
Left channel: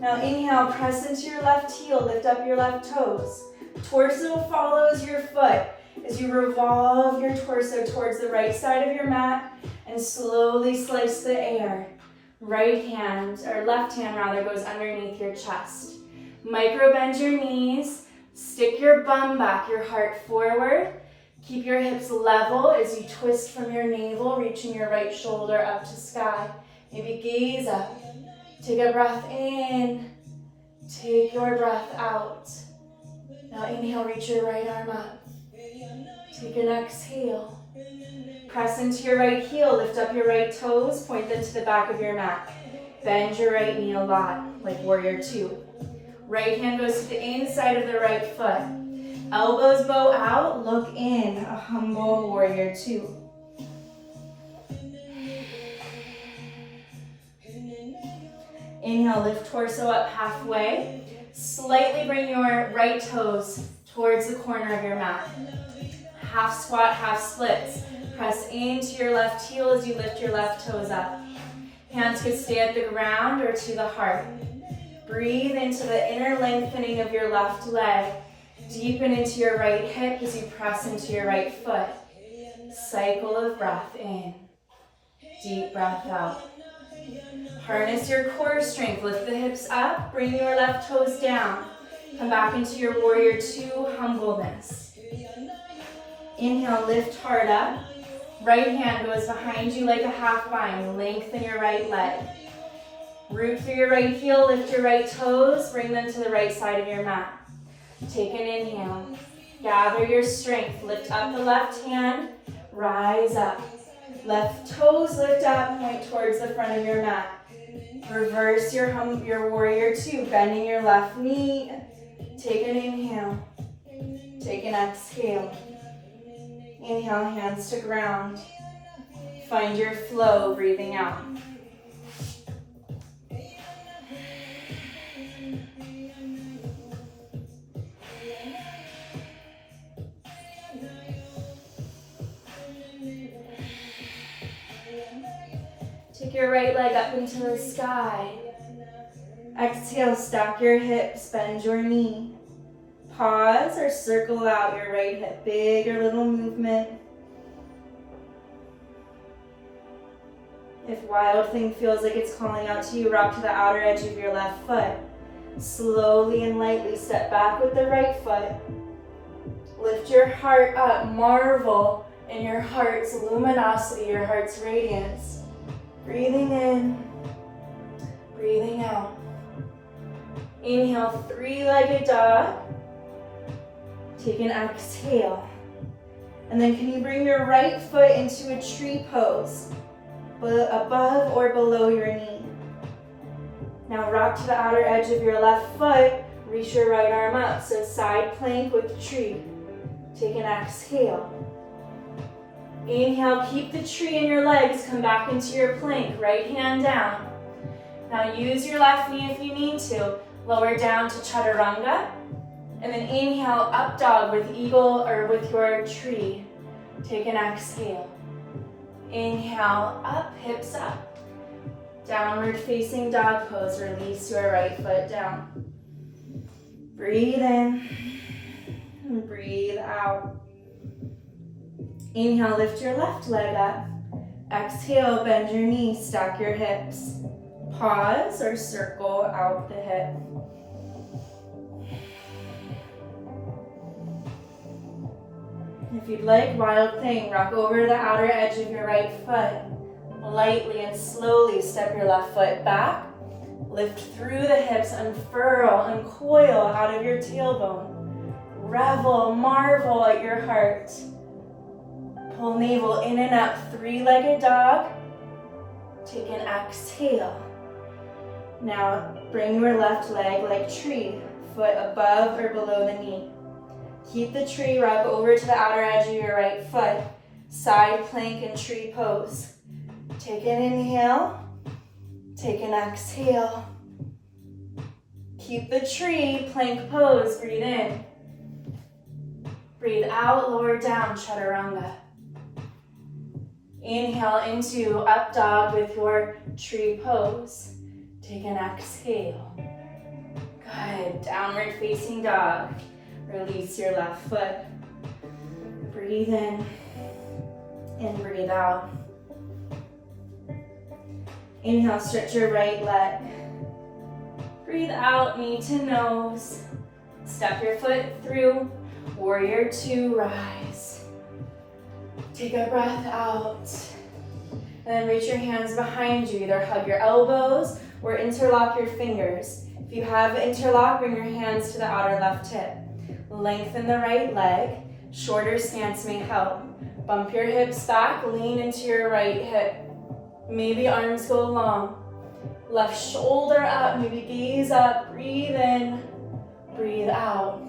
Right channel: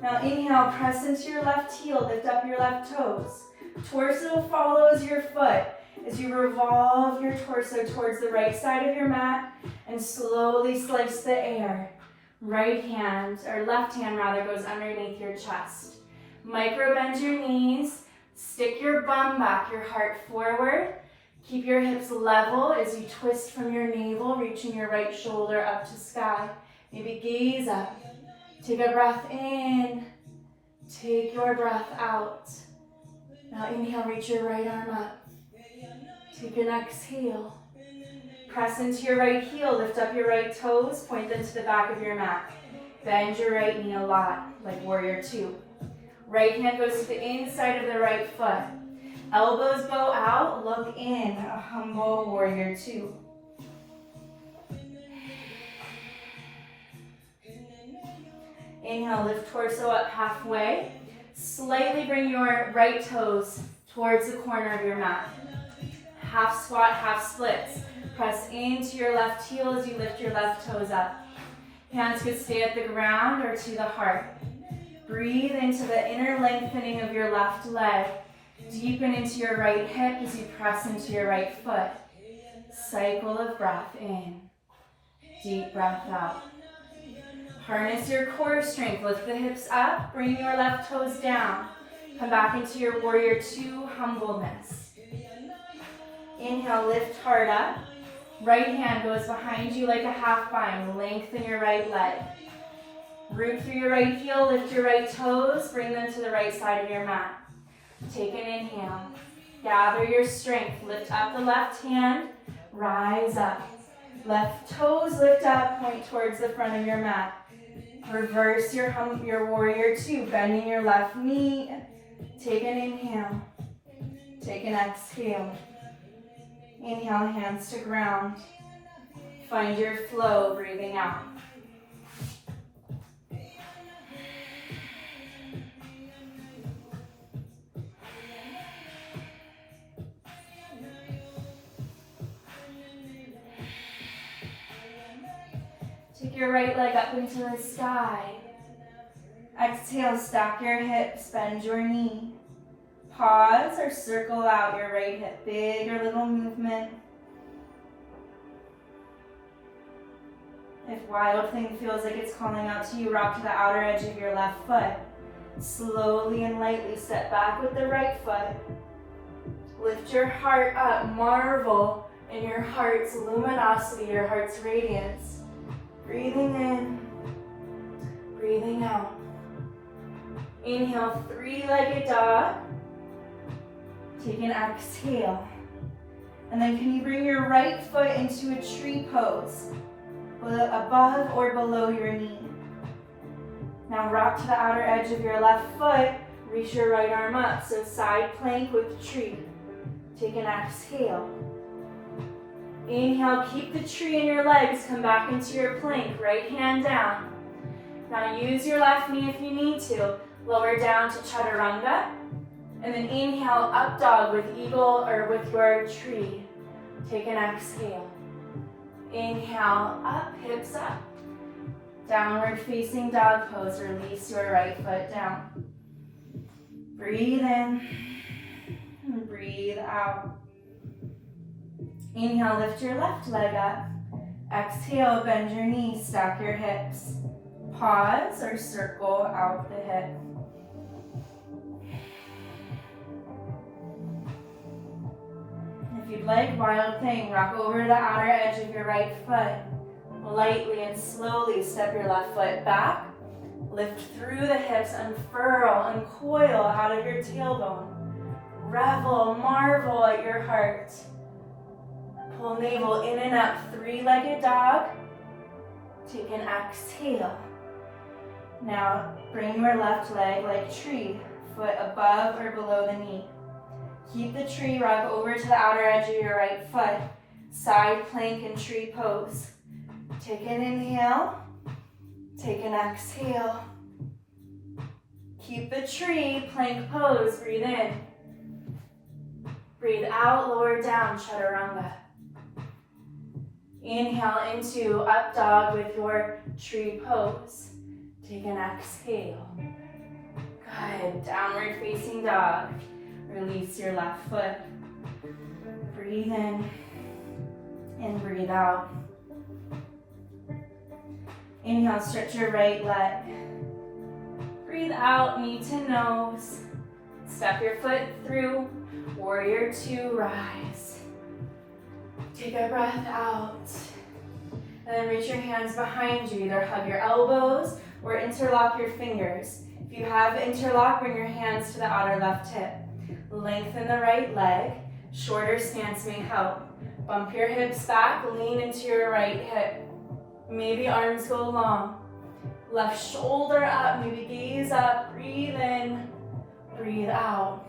Now inhale, press into your left heel, lift up your left toes. Torso follows your foot as you revolve your torso towards the right side of your mat and slowly slice the air. Right hand, or left hand rather, goes underneath your chest. Micro bend your knees, stick your bum back, your heart forward. Keep your hips level as you twist from your navel, reaching your right shoulder up to sky. Maybe gaze up. Take a breath in, take your breath out. Now inhale, reach your right arm up. Take an exhale. Press into your right heel, lift up your right toes, point them to the back of your mat. Bend your right knee a lot, like warrior two. Right hand goes to the inside of the right foot. Elbows bow out, look in, a humble warrior two. Inhale, lift torso up halfway. Slightly bring your right toes towards the corner of your mat. Half squat, half splits. Press into your left heel as you lift your left toes up. Hands could stay at the ground or to the heart. Breathe into the inner lengthening of your left leg. Deepen into your right hip as you press into your right foot. Cycle of breath in. Deep breath out. Harness your core strength. Lift the hips up. Bring your left toes down. Come back into your warrior two, humbleness. Inhale, lift hard up. Right hand goes behind you like a half bind. Lengthen your right leg. Root through your right heel, lift your right toes, bring them to the right side of your mat. Take an inhale. Gather your strength. Lift up the left hand. Rise up. Left toes lift up, point towards the front of your mat. Reverse your warrior two, bending your left knee. Take an inhale. Take an exhale. Inhale, hands to ground. Find your flow, breathing out. Take your right leg up into the sky. Exhale, stack your hips, bend your knee. Pause or circle out your right hip, big or little movement. If wild thing feels like it's calling out to you, rock to the outer edge of your left foot. Slowly and lightly step back with the right foot. Lift your heart up, marvel in your heart's luminosity, your heart's radiance. Breathing in, breathing out. Inhale, three-legged dog. Take an exhale. And then can you bring your right foot into a tree pose, above or below your knee? Now rock to the outer edge of your left foot, reach your right arm up, so side plank with tree. Take an exhale. Inhale, keep the tree in your legs, come back into your plank, right hand down. Now use your left knee if you need to, lower down to chaturanga, and then inhale, up dog with eagle or with your tree. Take an exhale. Inhale, up, hips up. Downward facing dog pose, release your right foot down. Breathe in, and breathe out. Inhale, lift your left leg up. Exhale, bend your knees, stack your hips. Pause or circle out the hip. If you'd like, wild thing, rock over the outer edge of your right foot. Lightly and slowly step your left foot back. Lift through the hips, unfurl, uncoil out of your tailbone. Revel, marvel at your heart. Pull navel in and up, three-legged dog. Take an exhale. Now bring your left leg like tree, foot above or below the knee. Keep the tree, rock over to the outer edge of your right foot. Side plank and tree pose. Take an inhale, take an exhale. Keep the tree, plank pose, breathe in. Breathe out, lower down, chaturanga. Inhale into up dog with your tree pose. Take an exhale. Good, downward facing dog. Release your left foot. Breathe in and breathe out. Inhale, stretch your right leg. Breathe out, knee to nose. Step your foot through. Warrior two, rise. Take a breath out. And then reach your hands behind you. Either hug your elbows or interlock your fingers. If you have interlock, bring your hands to the outer left hip. Lengthen the right leg. Shorter stance may help. Bump your hips back, lean into your right hip. Maybe arms go long. Left shoulder up, maybe gaze up, breathe in, breathe out.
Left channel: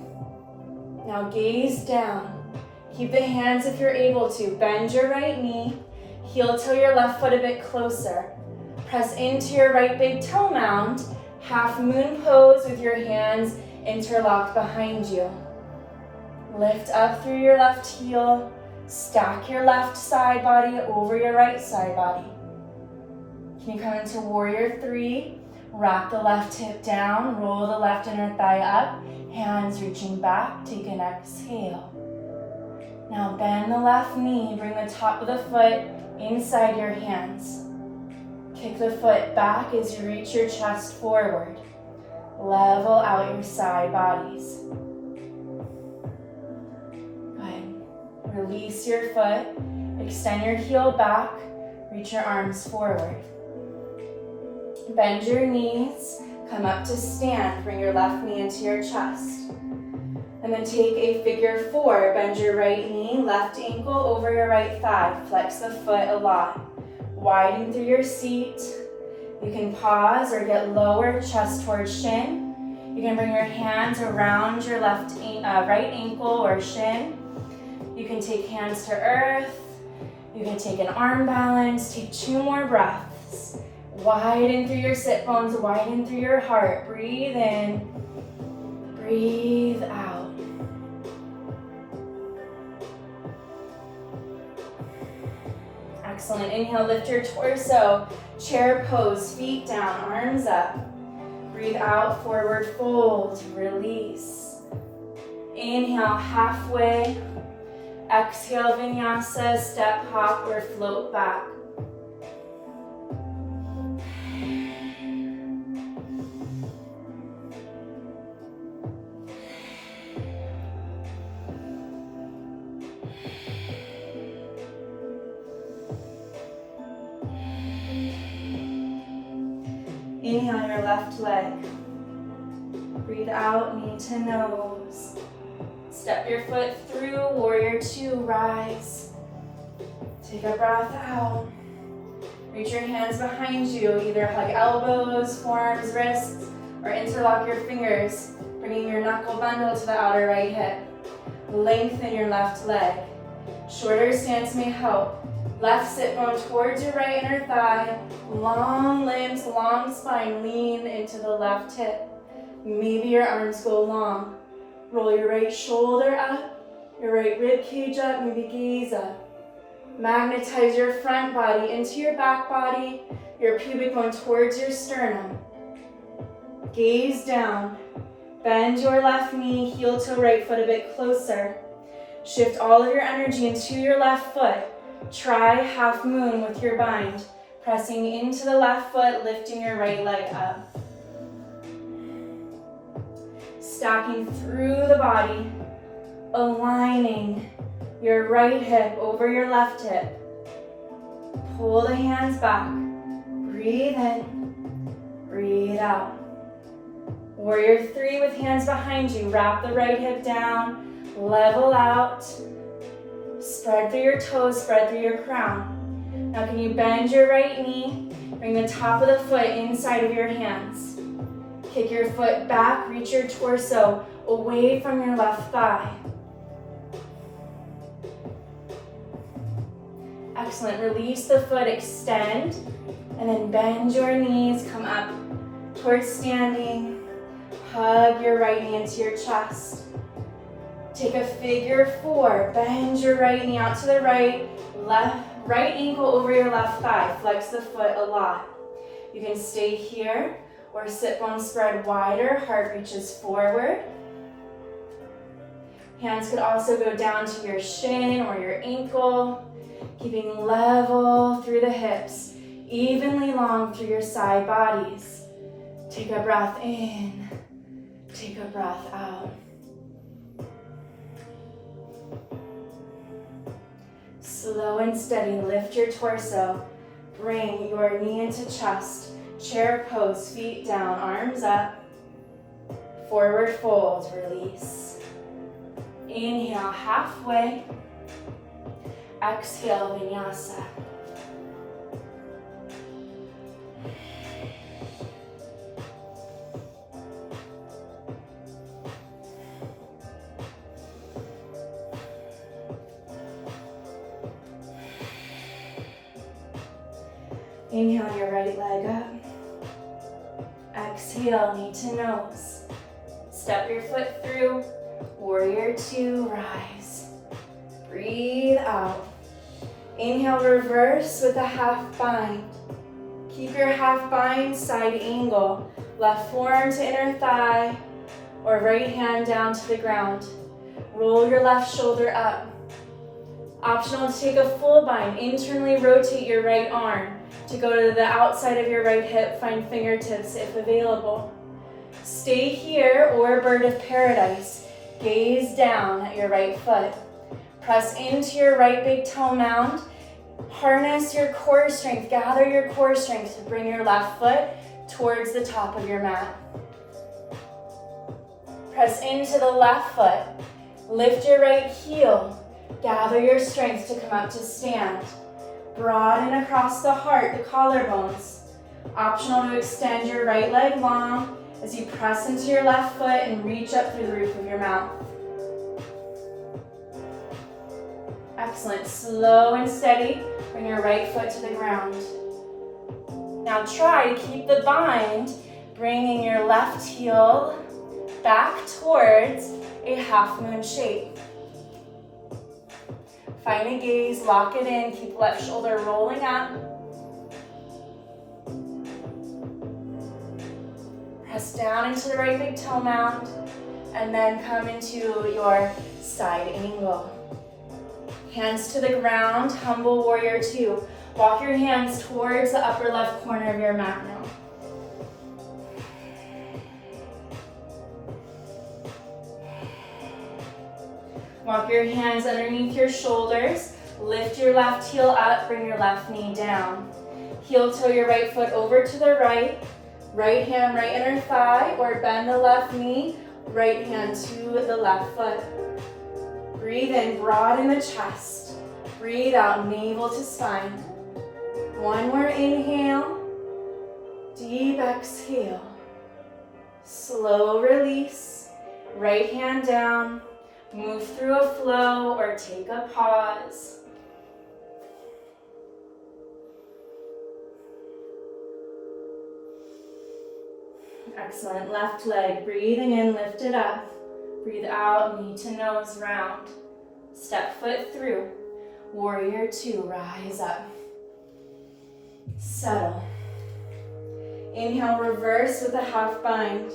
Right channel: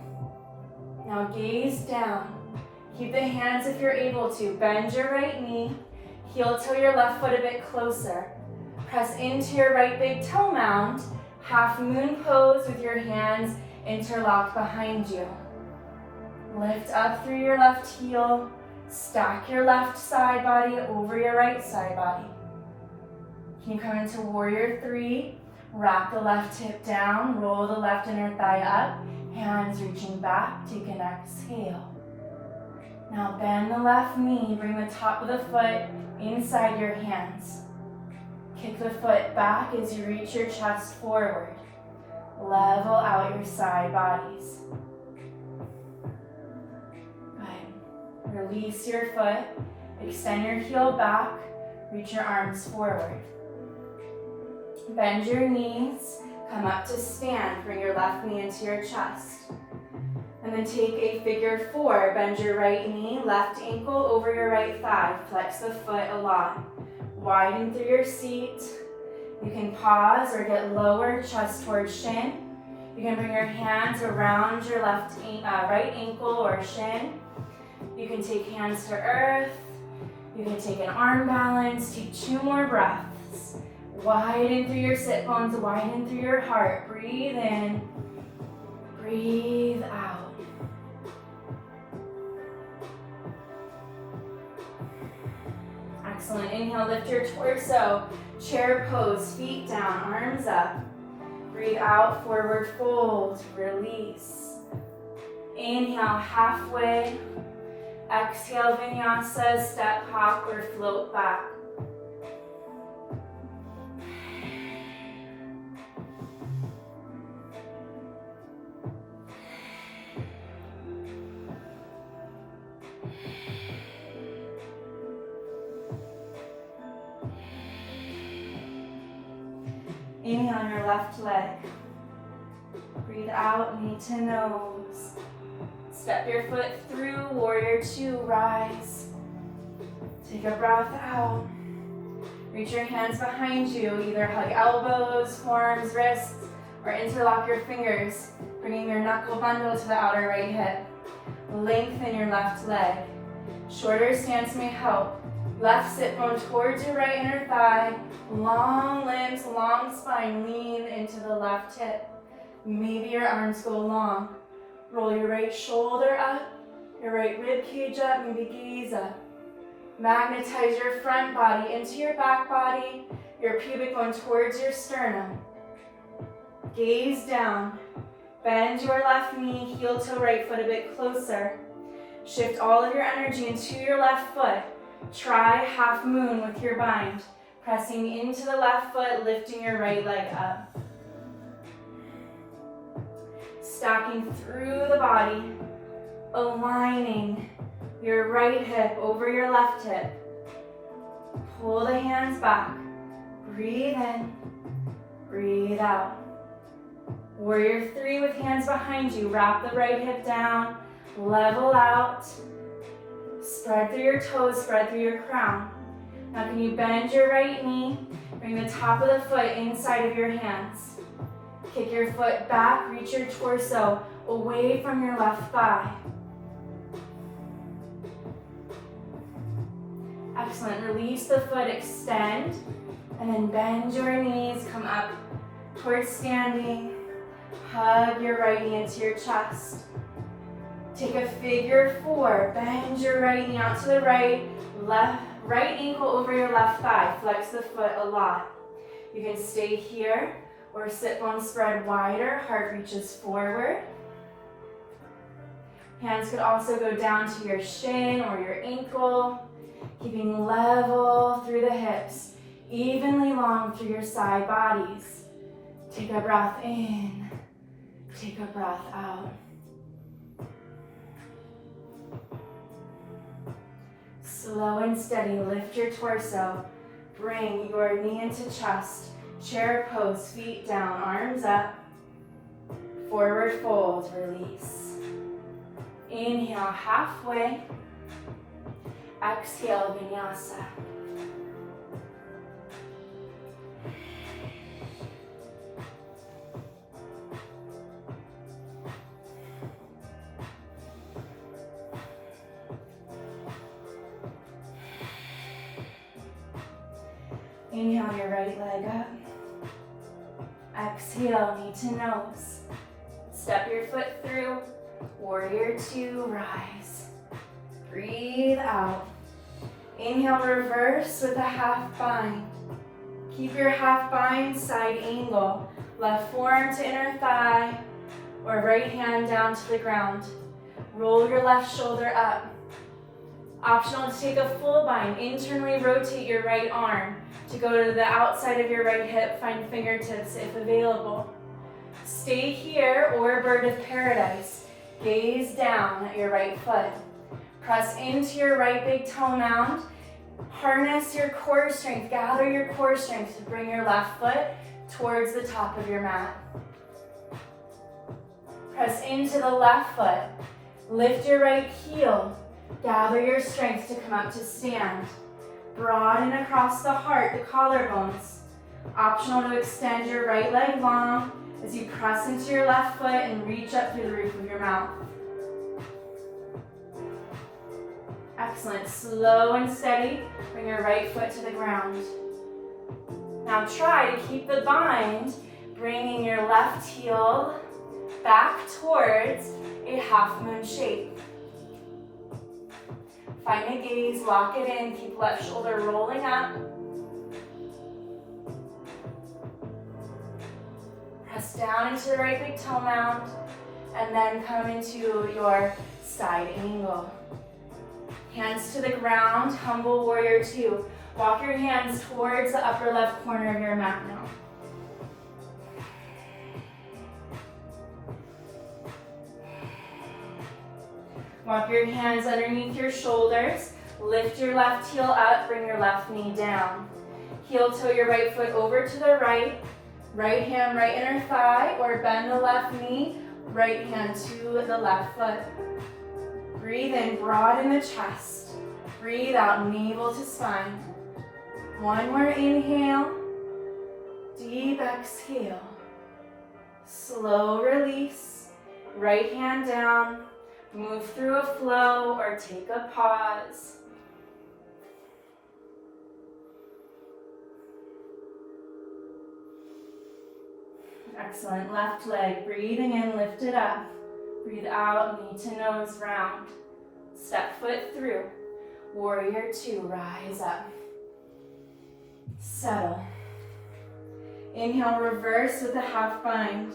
Now gaze down. Keep the hands if you're able to. Bend your right knee, heel toe your left foot a bit closer. Press into your right big toe mound, half moon pose with your hands interlocked behind you. Lift up through your left heel, stack your left side body over your right side body. Can you come into warrior three? Wrap the left hip down, roll the left inner thigh up, hands reaching back, take an exhale. Now bend the left knee, bring the top of the foot inside your hands. Kick the foot back as you reach your chest forward. Level out your side bodies. Good. Release your foot, extend your heel back, reach your arms forward. Bend your knees, come up to stand, bring your left knee into your chest. And then take a figure four, bend your right knee, left ankle over your right thigh, flex the foot a lot. Widen through your seat. You can pause or get lower, chest towards shin. You can bring your hands around your right ankle or shin. You can take hands to earth. You can take an arm balance. Take 2 more breaths. Widen through your sit bones, widen through your heart. Breathe in, breathe out. Excellent. Inhale, lift your torso. Chair pose, feet down, arms up. Breathe out, forward fold, release. Inhale, halfway. Exhale, vinyasa, step, hop, or float back. Inhale your left leg. Breathe out, knee to nose. Step your foot through, warrior two, rise. Take a breath out. Reach your hands behind you, either hug elbows, forearms, wrists, or interlock your fingers, bringing your knuckle bundle to the outer right hip. Lengthen your left leg. Shorter stance may help. Left sit bone towards your right inner thigh. Long limbs, long spine, lean into the left hip. Maybe your arms go long. Roll your right shoulder up, your right rib cage up, maybe gaze up. Magnetize your front body into your back body, your pubic bone towards your sternum. Gaze down. Bend your left knee, heel to right foot a bit closer. Shift all of your energy into your left foot. Try half moon with your bind, pressing into the left foot, lifting your right leg up. Stacking through the body, aligning your right hip over your left hip. Pull the hands back. Breathe in, breathe out. Warrior three with hands behind you. Wrap the right hip down, level out. Spread through your toes, spread through your crown. Now can you bend your right knee, bring the top of the foot inside of your hands. Kick your foot back, reach your torso away from your left thigh. Excellent, release the foot, extend, and then bend your knees, come up towards standing. Hug your right knee into your chest. Take a figure four. Bend your right knee out to the right. Right ankle over your left thigh. Flex the foot a lot. You can stay here or sit bone spread wider. Heart reaches forward. Hands could also go down to your shin or your ankle. Keeping level through the hips. Evenly long through your side bodies. Take a breath in. Take a breath out. Slow and steady, lift your torso. Bring your knee into chest. Chair pose, feet down, arms up. Forward fold, release. Inhale, halfway. Exhale, vinyasa. Inhale your right leg up. Exhale, knee to nose. Step your foot through. Warrior two, rise. Breathe out. Inhale, reverse with a half bind. Keep your half bind, side angle. Left forearm to inner thigh, or right hand down to the ground. Roll your left shoulder up. Optional to take a full bind. Internally rotate your right arm to go to the outside of your right hip. Find fingertips if available. Stay here or bird of paradise. Gaze down at your right foot. Press into your right big toe mound. Harness your core strength. Gather your core strength to bring your left foot towards the top of your mat. Press into the left foot. Lift your right heel. Gather your strength to come up to stand. Broaden across the heart, the collarbones. Optional to extend your right leg long as you press into your left foot and reach up through the roof of your mouth. Excellent. Slow and steady. Bring your right foot to the ground. Now try to keep the bind, bringing your left heel back towards a half moon shape. Find a gaze, lock it in, keep left shoulder rolling up. Press down into the right big toe mound, and then come into your side angle. Hands to the ground, humble warrior two. Walk your hands towards the upper left corner of your mat now. Walk your hands underneath your shoulders. Lift your left heel up, bring your left knee down. Heel toe your right foot over to the right. Right hand, right inner thigh, or bend the left knee, right hand to the left foot. Breathe in, broaden the chest. Breathe out, navel to spine. One more inhale, deep exhale. Slow release, right hand down, move through a flow or take a pause. Excellent, left leg, breathing in, lift it up. Breathe out, knee to nose round. Step foot through. Warrior two, rise up. Settle. Inhale, reverse with a half bind.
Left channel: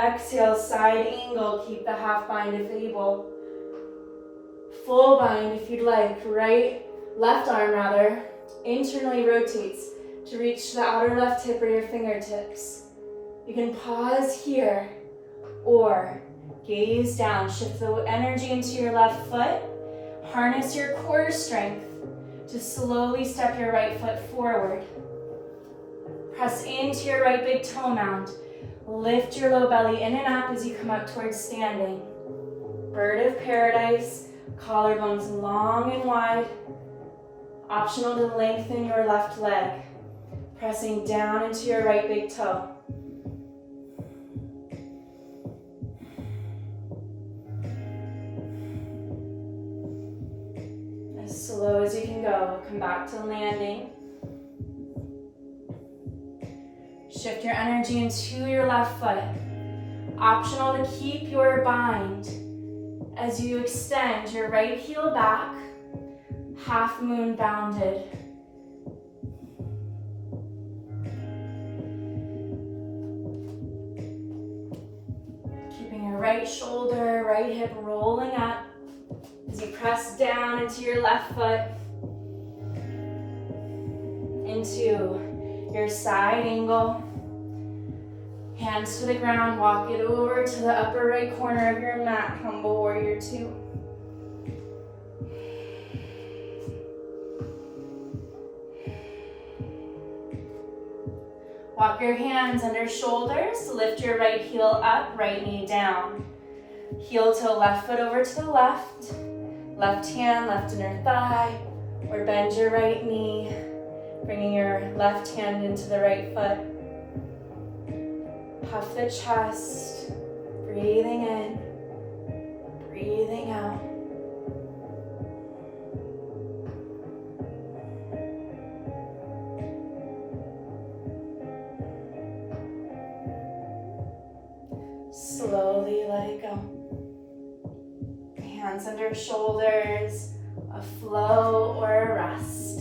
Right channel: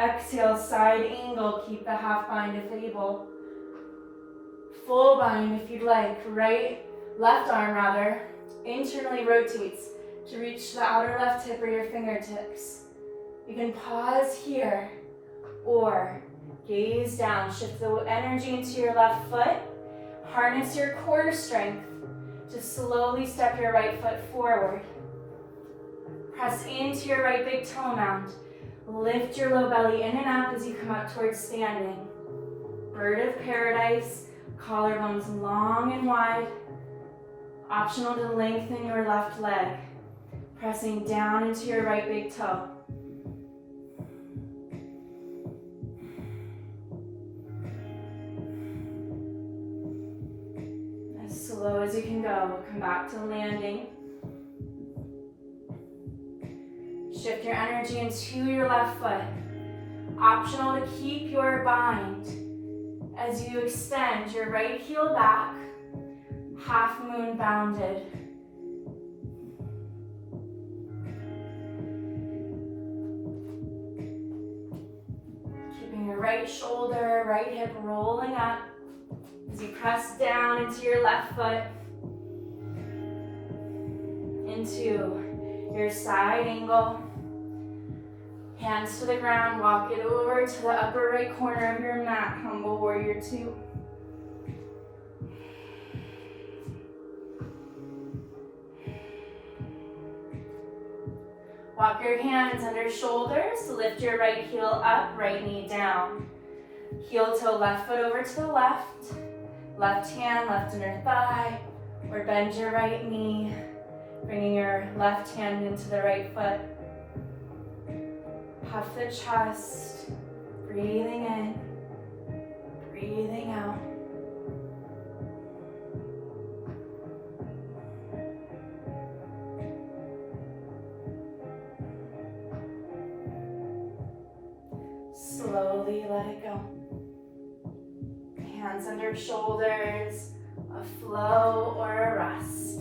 Exhale, side angle, keep the half bind if able. Full bind if you'd like, left arm rather, internally rotates to reach the outer left hip or your fingertips. You can pause here or gaze down, shift the energy into your left foot, harness your core strength to slowly step your right foot forward. Press into your right big toe mound. Lift your low belly in and up as you come up towards standing. Bird of paradise, collarbones long and wide. Optional to lengthen your left leg. Pressing down into your right big toe. As slow as you can go, come back to landing. Shift your energy into your left foot. Optional to keep your bind as you extend your right heel back, half moon bounded. Keeping your right shoulder, right hip rolling up as you press down into your left foot, into your side angle. Hands to the ground, walk it over to the upper right corner of your mat, humble warrior two. Walk your hands under shoulders to lift your right heel up, right knee down. Heel toe, left foot over to the left. Left hand, left inner thigh, or bend your right knee, bringing your left hand into the right foot. Puff the chest, breathing in, breathing out. Slowly let it go. Hands under shoulders, a flow or a rest.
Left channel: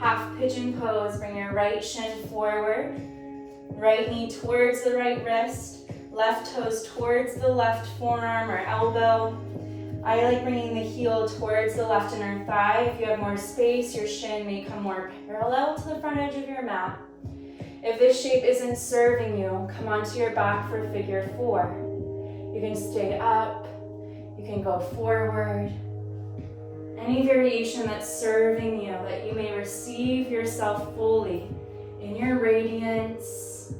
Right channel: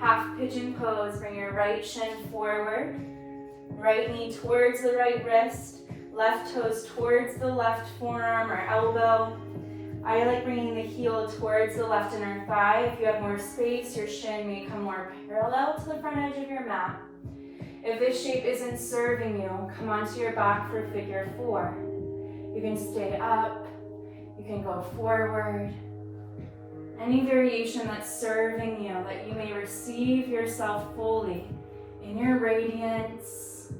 Half pigeon pose, bring your right shin forward, right knee towards the right wrist, left toes towards the left forearm or elbow. I like bringing the heel towards the left inner thigh. If you have more space, your shin may come more parallel to the front edge of your mat. If this shape isn't serving you, come onto your back for figure four. You can stay up, you can go forward. Any variation that's serving you, that you may receive yourself fully in your radiance.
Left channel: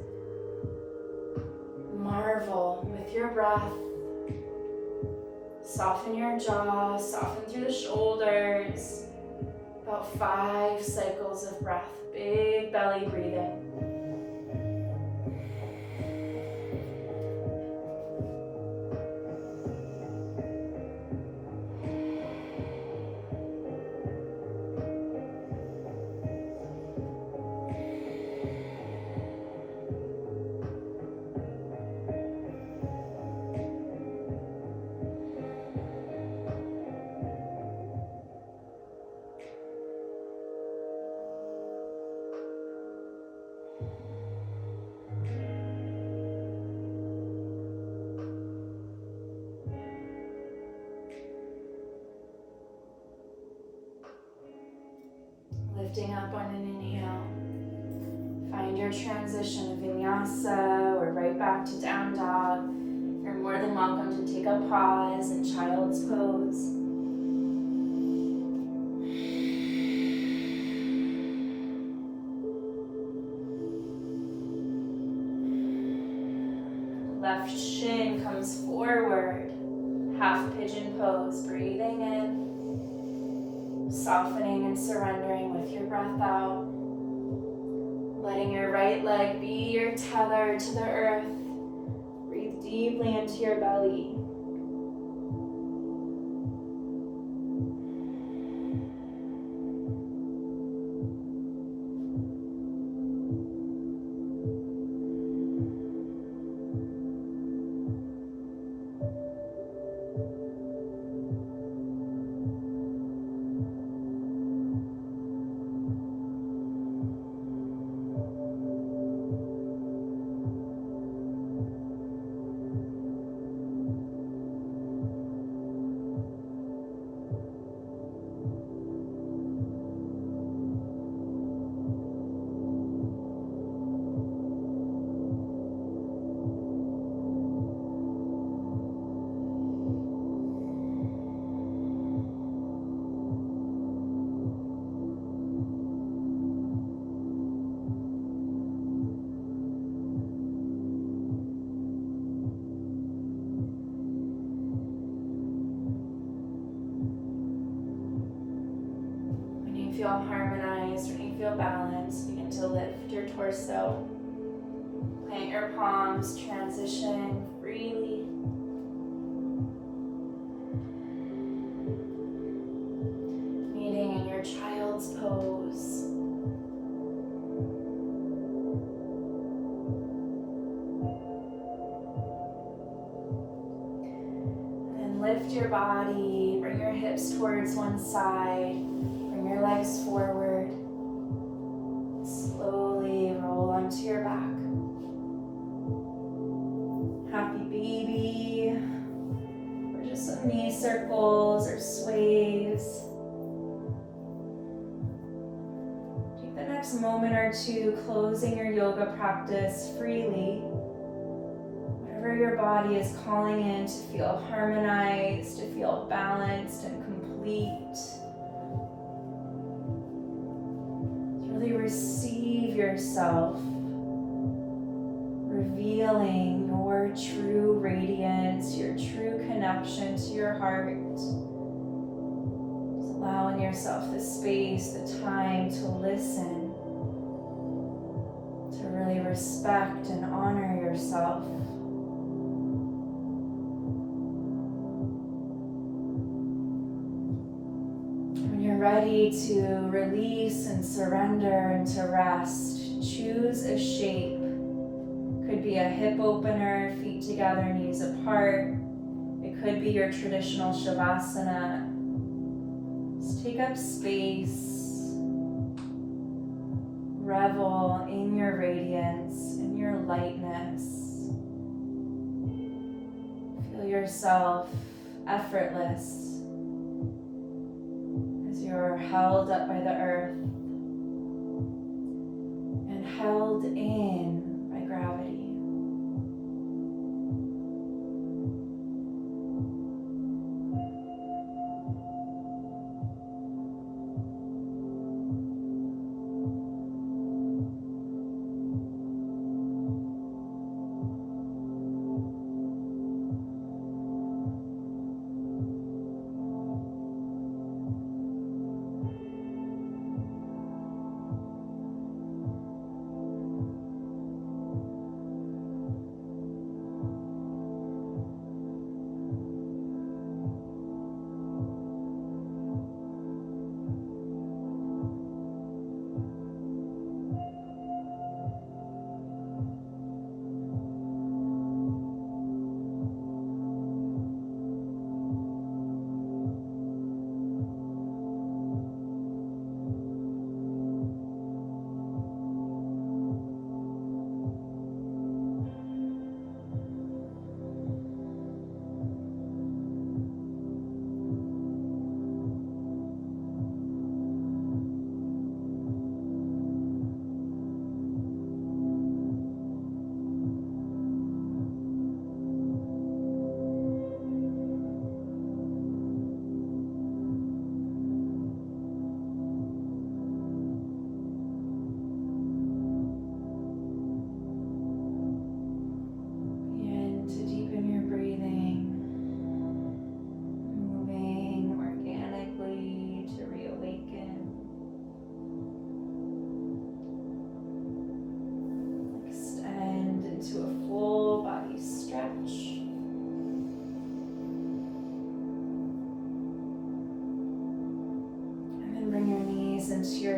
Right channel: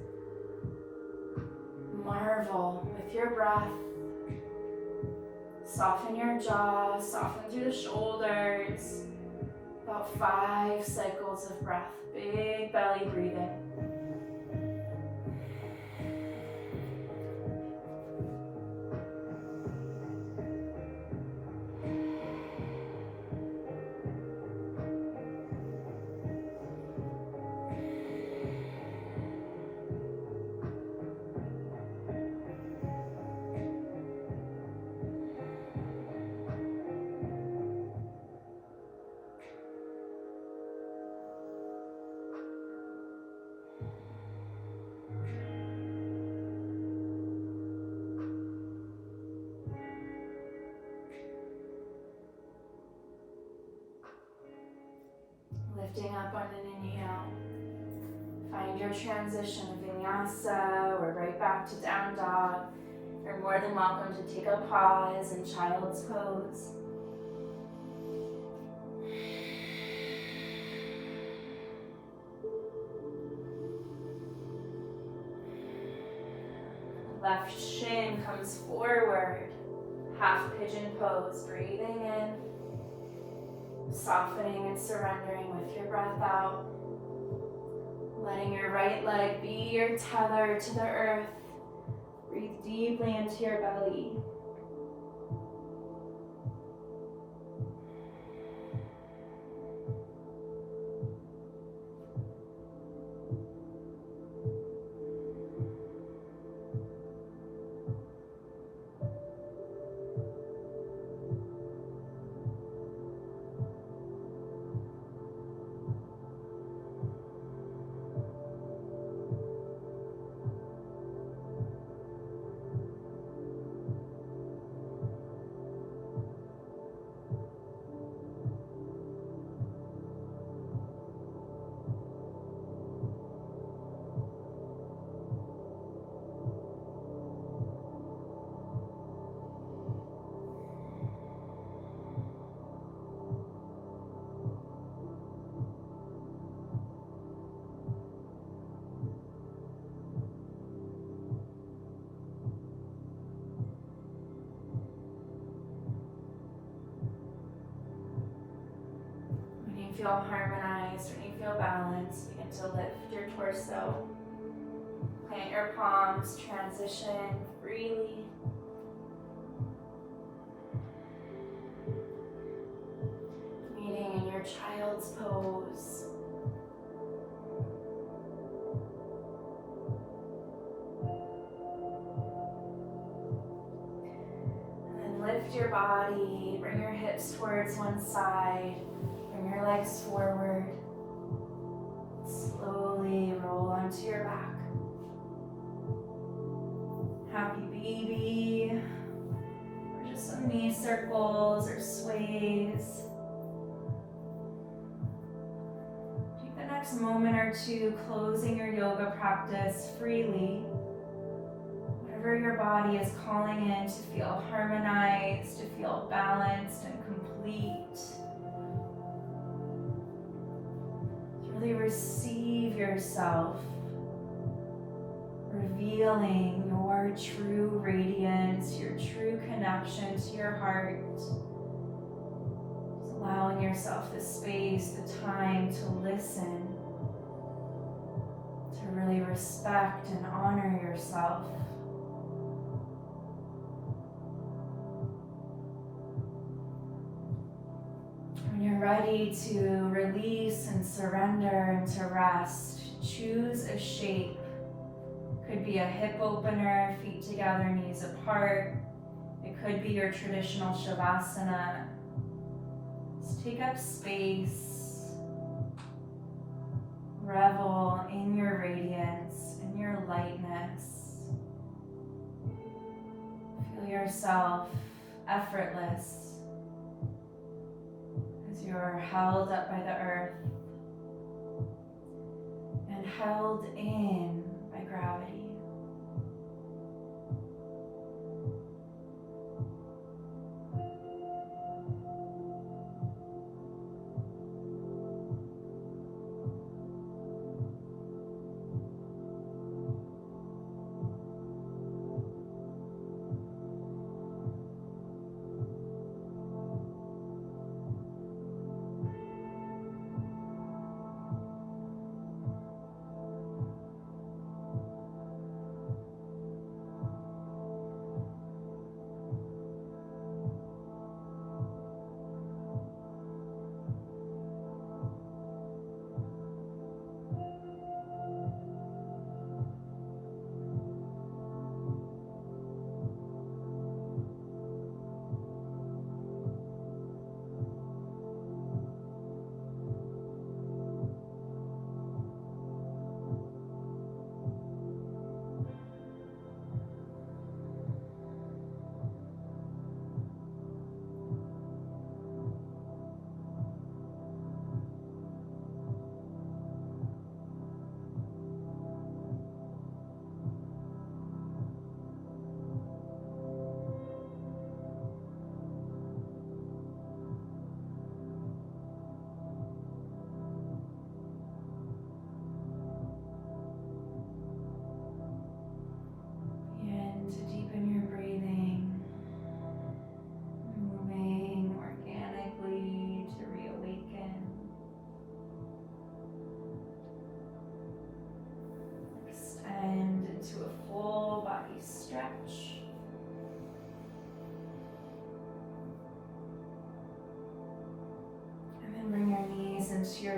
Marvel with your breath. Soften your jaw, soften through the shoulders. About 5 cycles of breath, big belly breathing. Lifting up on an inhale, Find your transition of vinyasa or right back to down dog. You're more than welcome to take a pause in child's pose. Left shin comes forward, half pigeon pose, breathing in, softening and surrendering with your breath out. Letting your right leg be your tether to the earth. Breathe deeply into your belly. Feel harmonized, when you feel balanced, begin to lift your torso. Plant your palms, transition freely. Meeting in your child's pose. Then lift your body, bring your hips towards one side. Bring your legs forward. Slowly roll onto your back. Happy baby. Or just some knee circles or sways. Take the next moment or two closing your yoga practice freely. Whatever your body is calling in to feel harmonized, to feel balanced and complete. Really receive yourself, revealing your true radiance, your true connection to your heart. Just allowing yourself the space, the time to listen, to really respect and honor yourself. When you're ready to release and surrender and to rest, choose a shape. Could be a hip opener, feet together, knees apart. It could be your traditional shavasana. Just take up space. Revel in your radiance, in your lightness. Feel yourself effortless. You're held up by the earth and held in by gravity.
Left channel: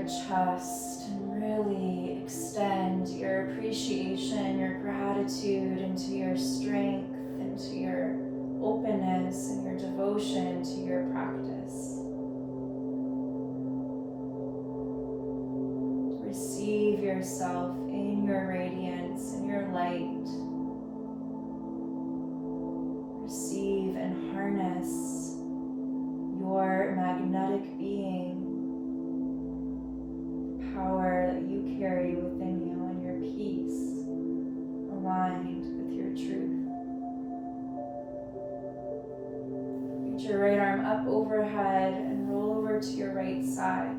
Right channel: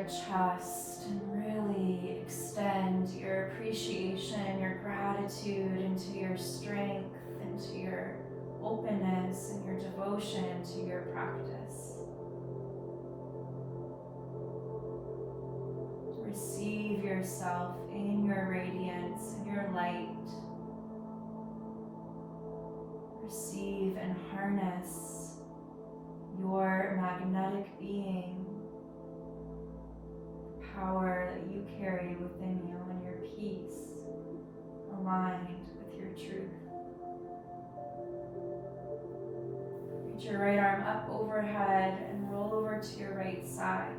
your chest and really extend your appreciation, your gratitude into your strength, into your openness and your devotion to your practice. Receive yourself in your radiance, in your light. Receive and harness your magnetic being, the power that you carry within you, and your peace aligned with your truth. Reach your right arm up overhead and roll over to your right side.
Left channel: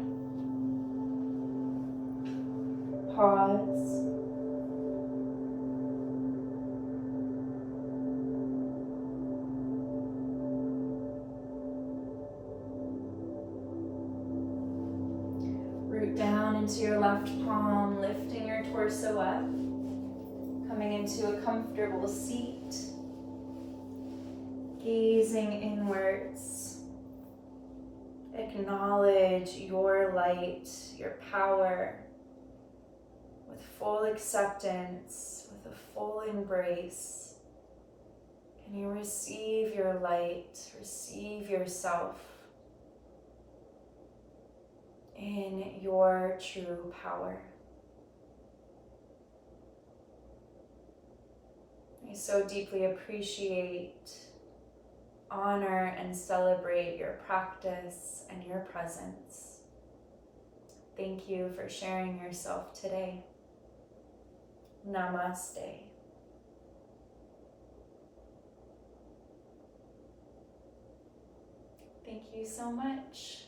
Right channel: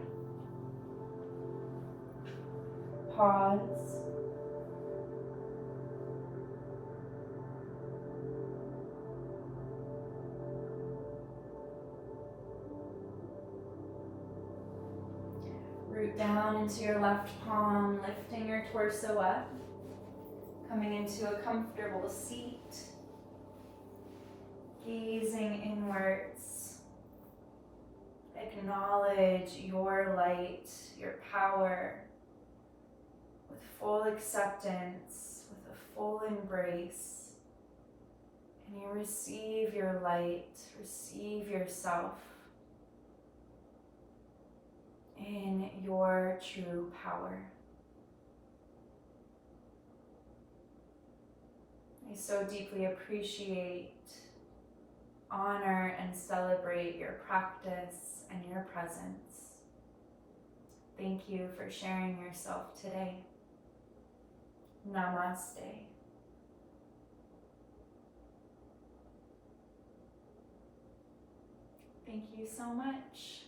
Pause. Root down into your left palm, lifting your torso up, coming into a comfortable seat, gazing inwards. Acknowledge your light, your power, with full acceptance, with a full embrace. Can you receive your light, receive yourself in your true power? I so deeply appreciate, honor, and celebrate your practice and your presence. Thank you for sharing yourself today. Namaste. Thank you so much.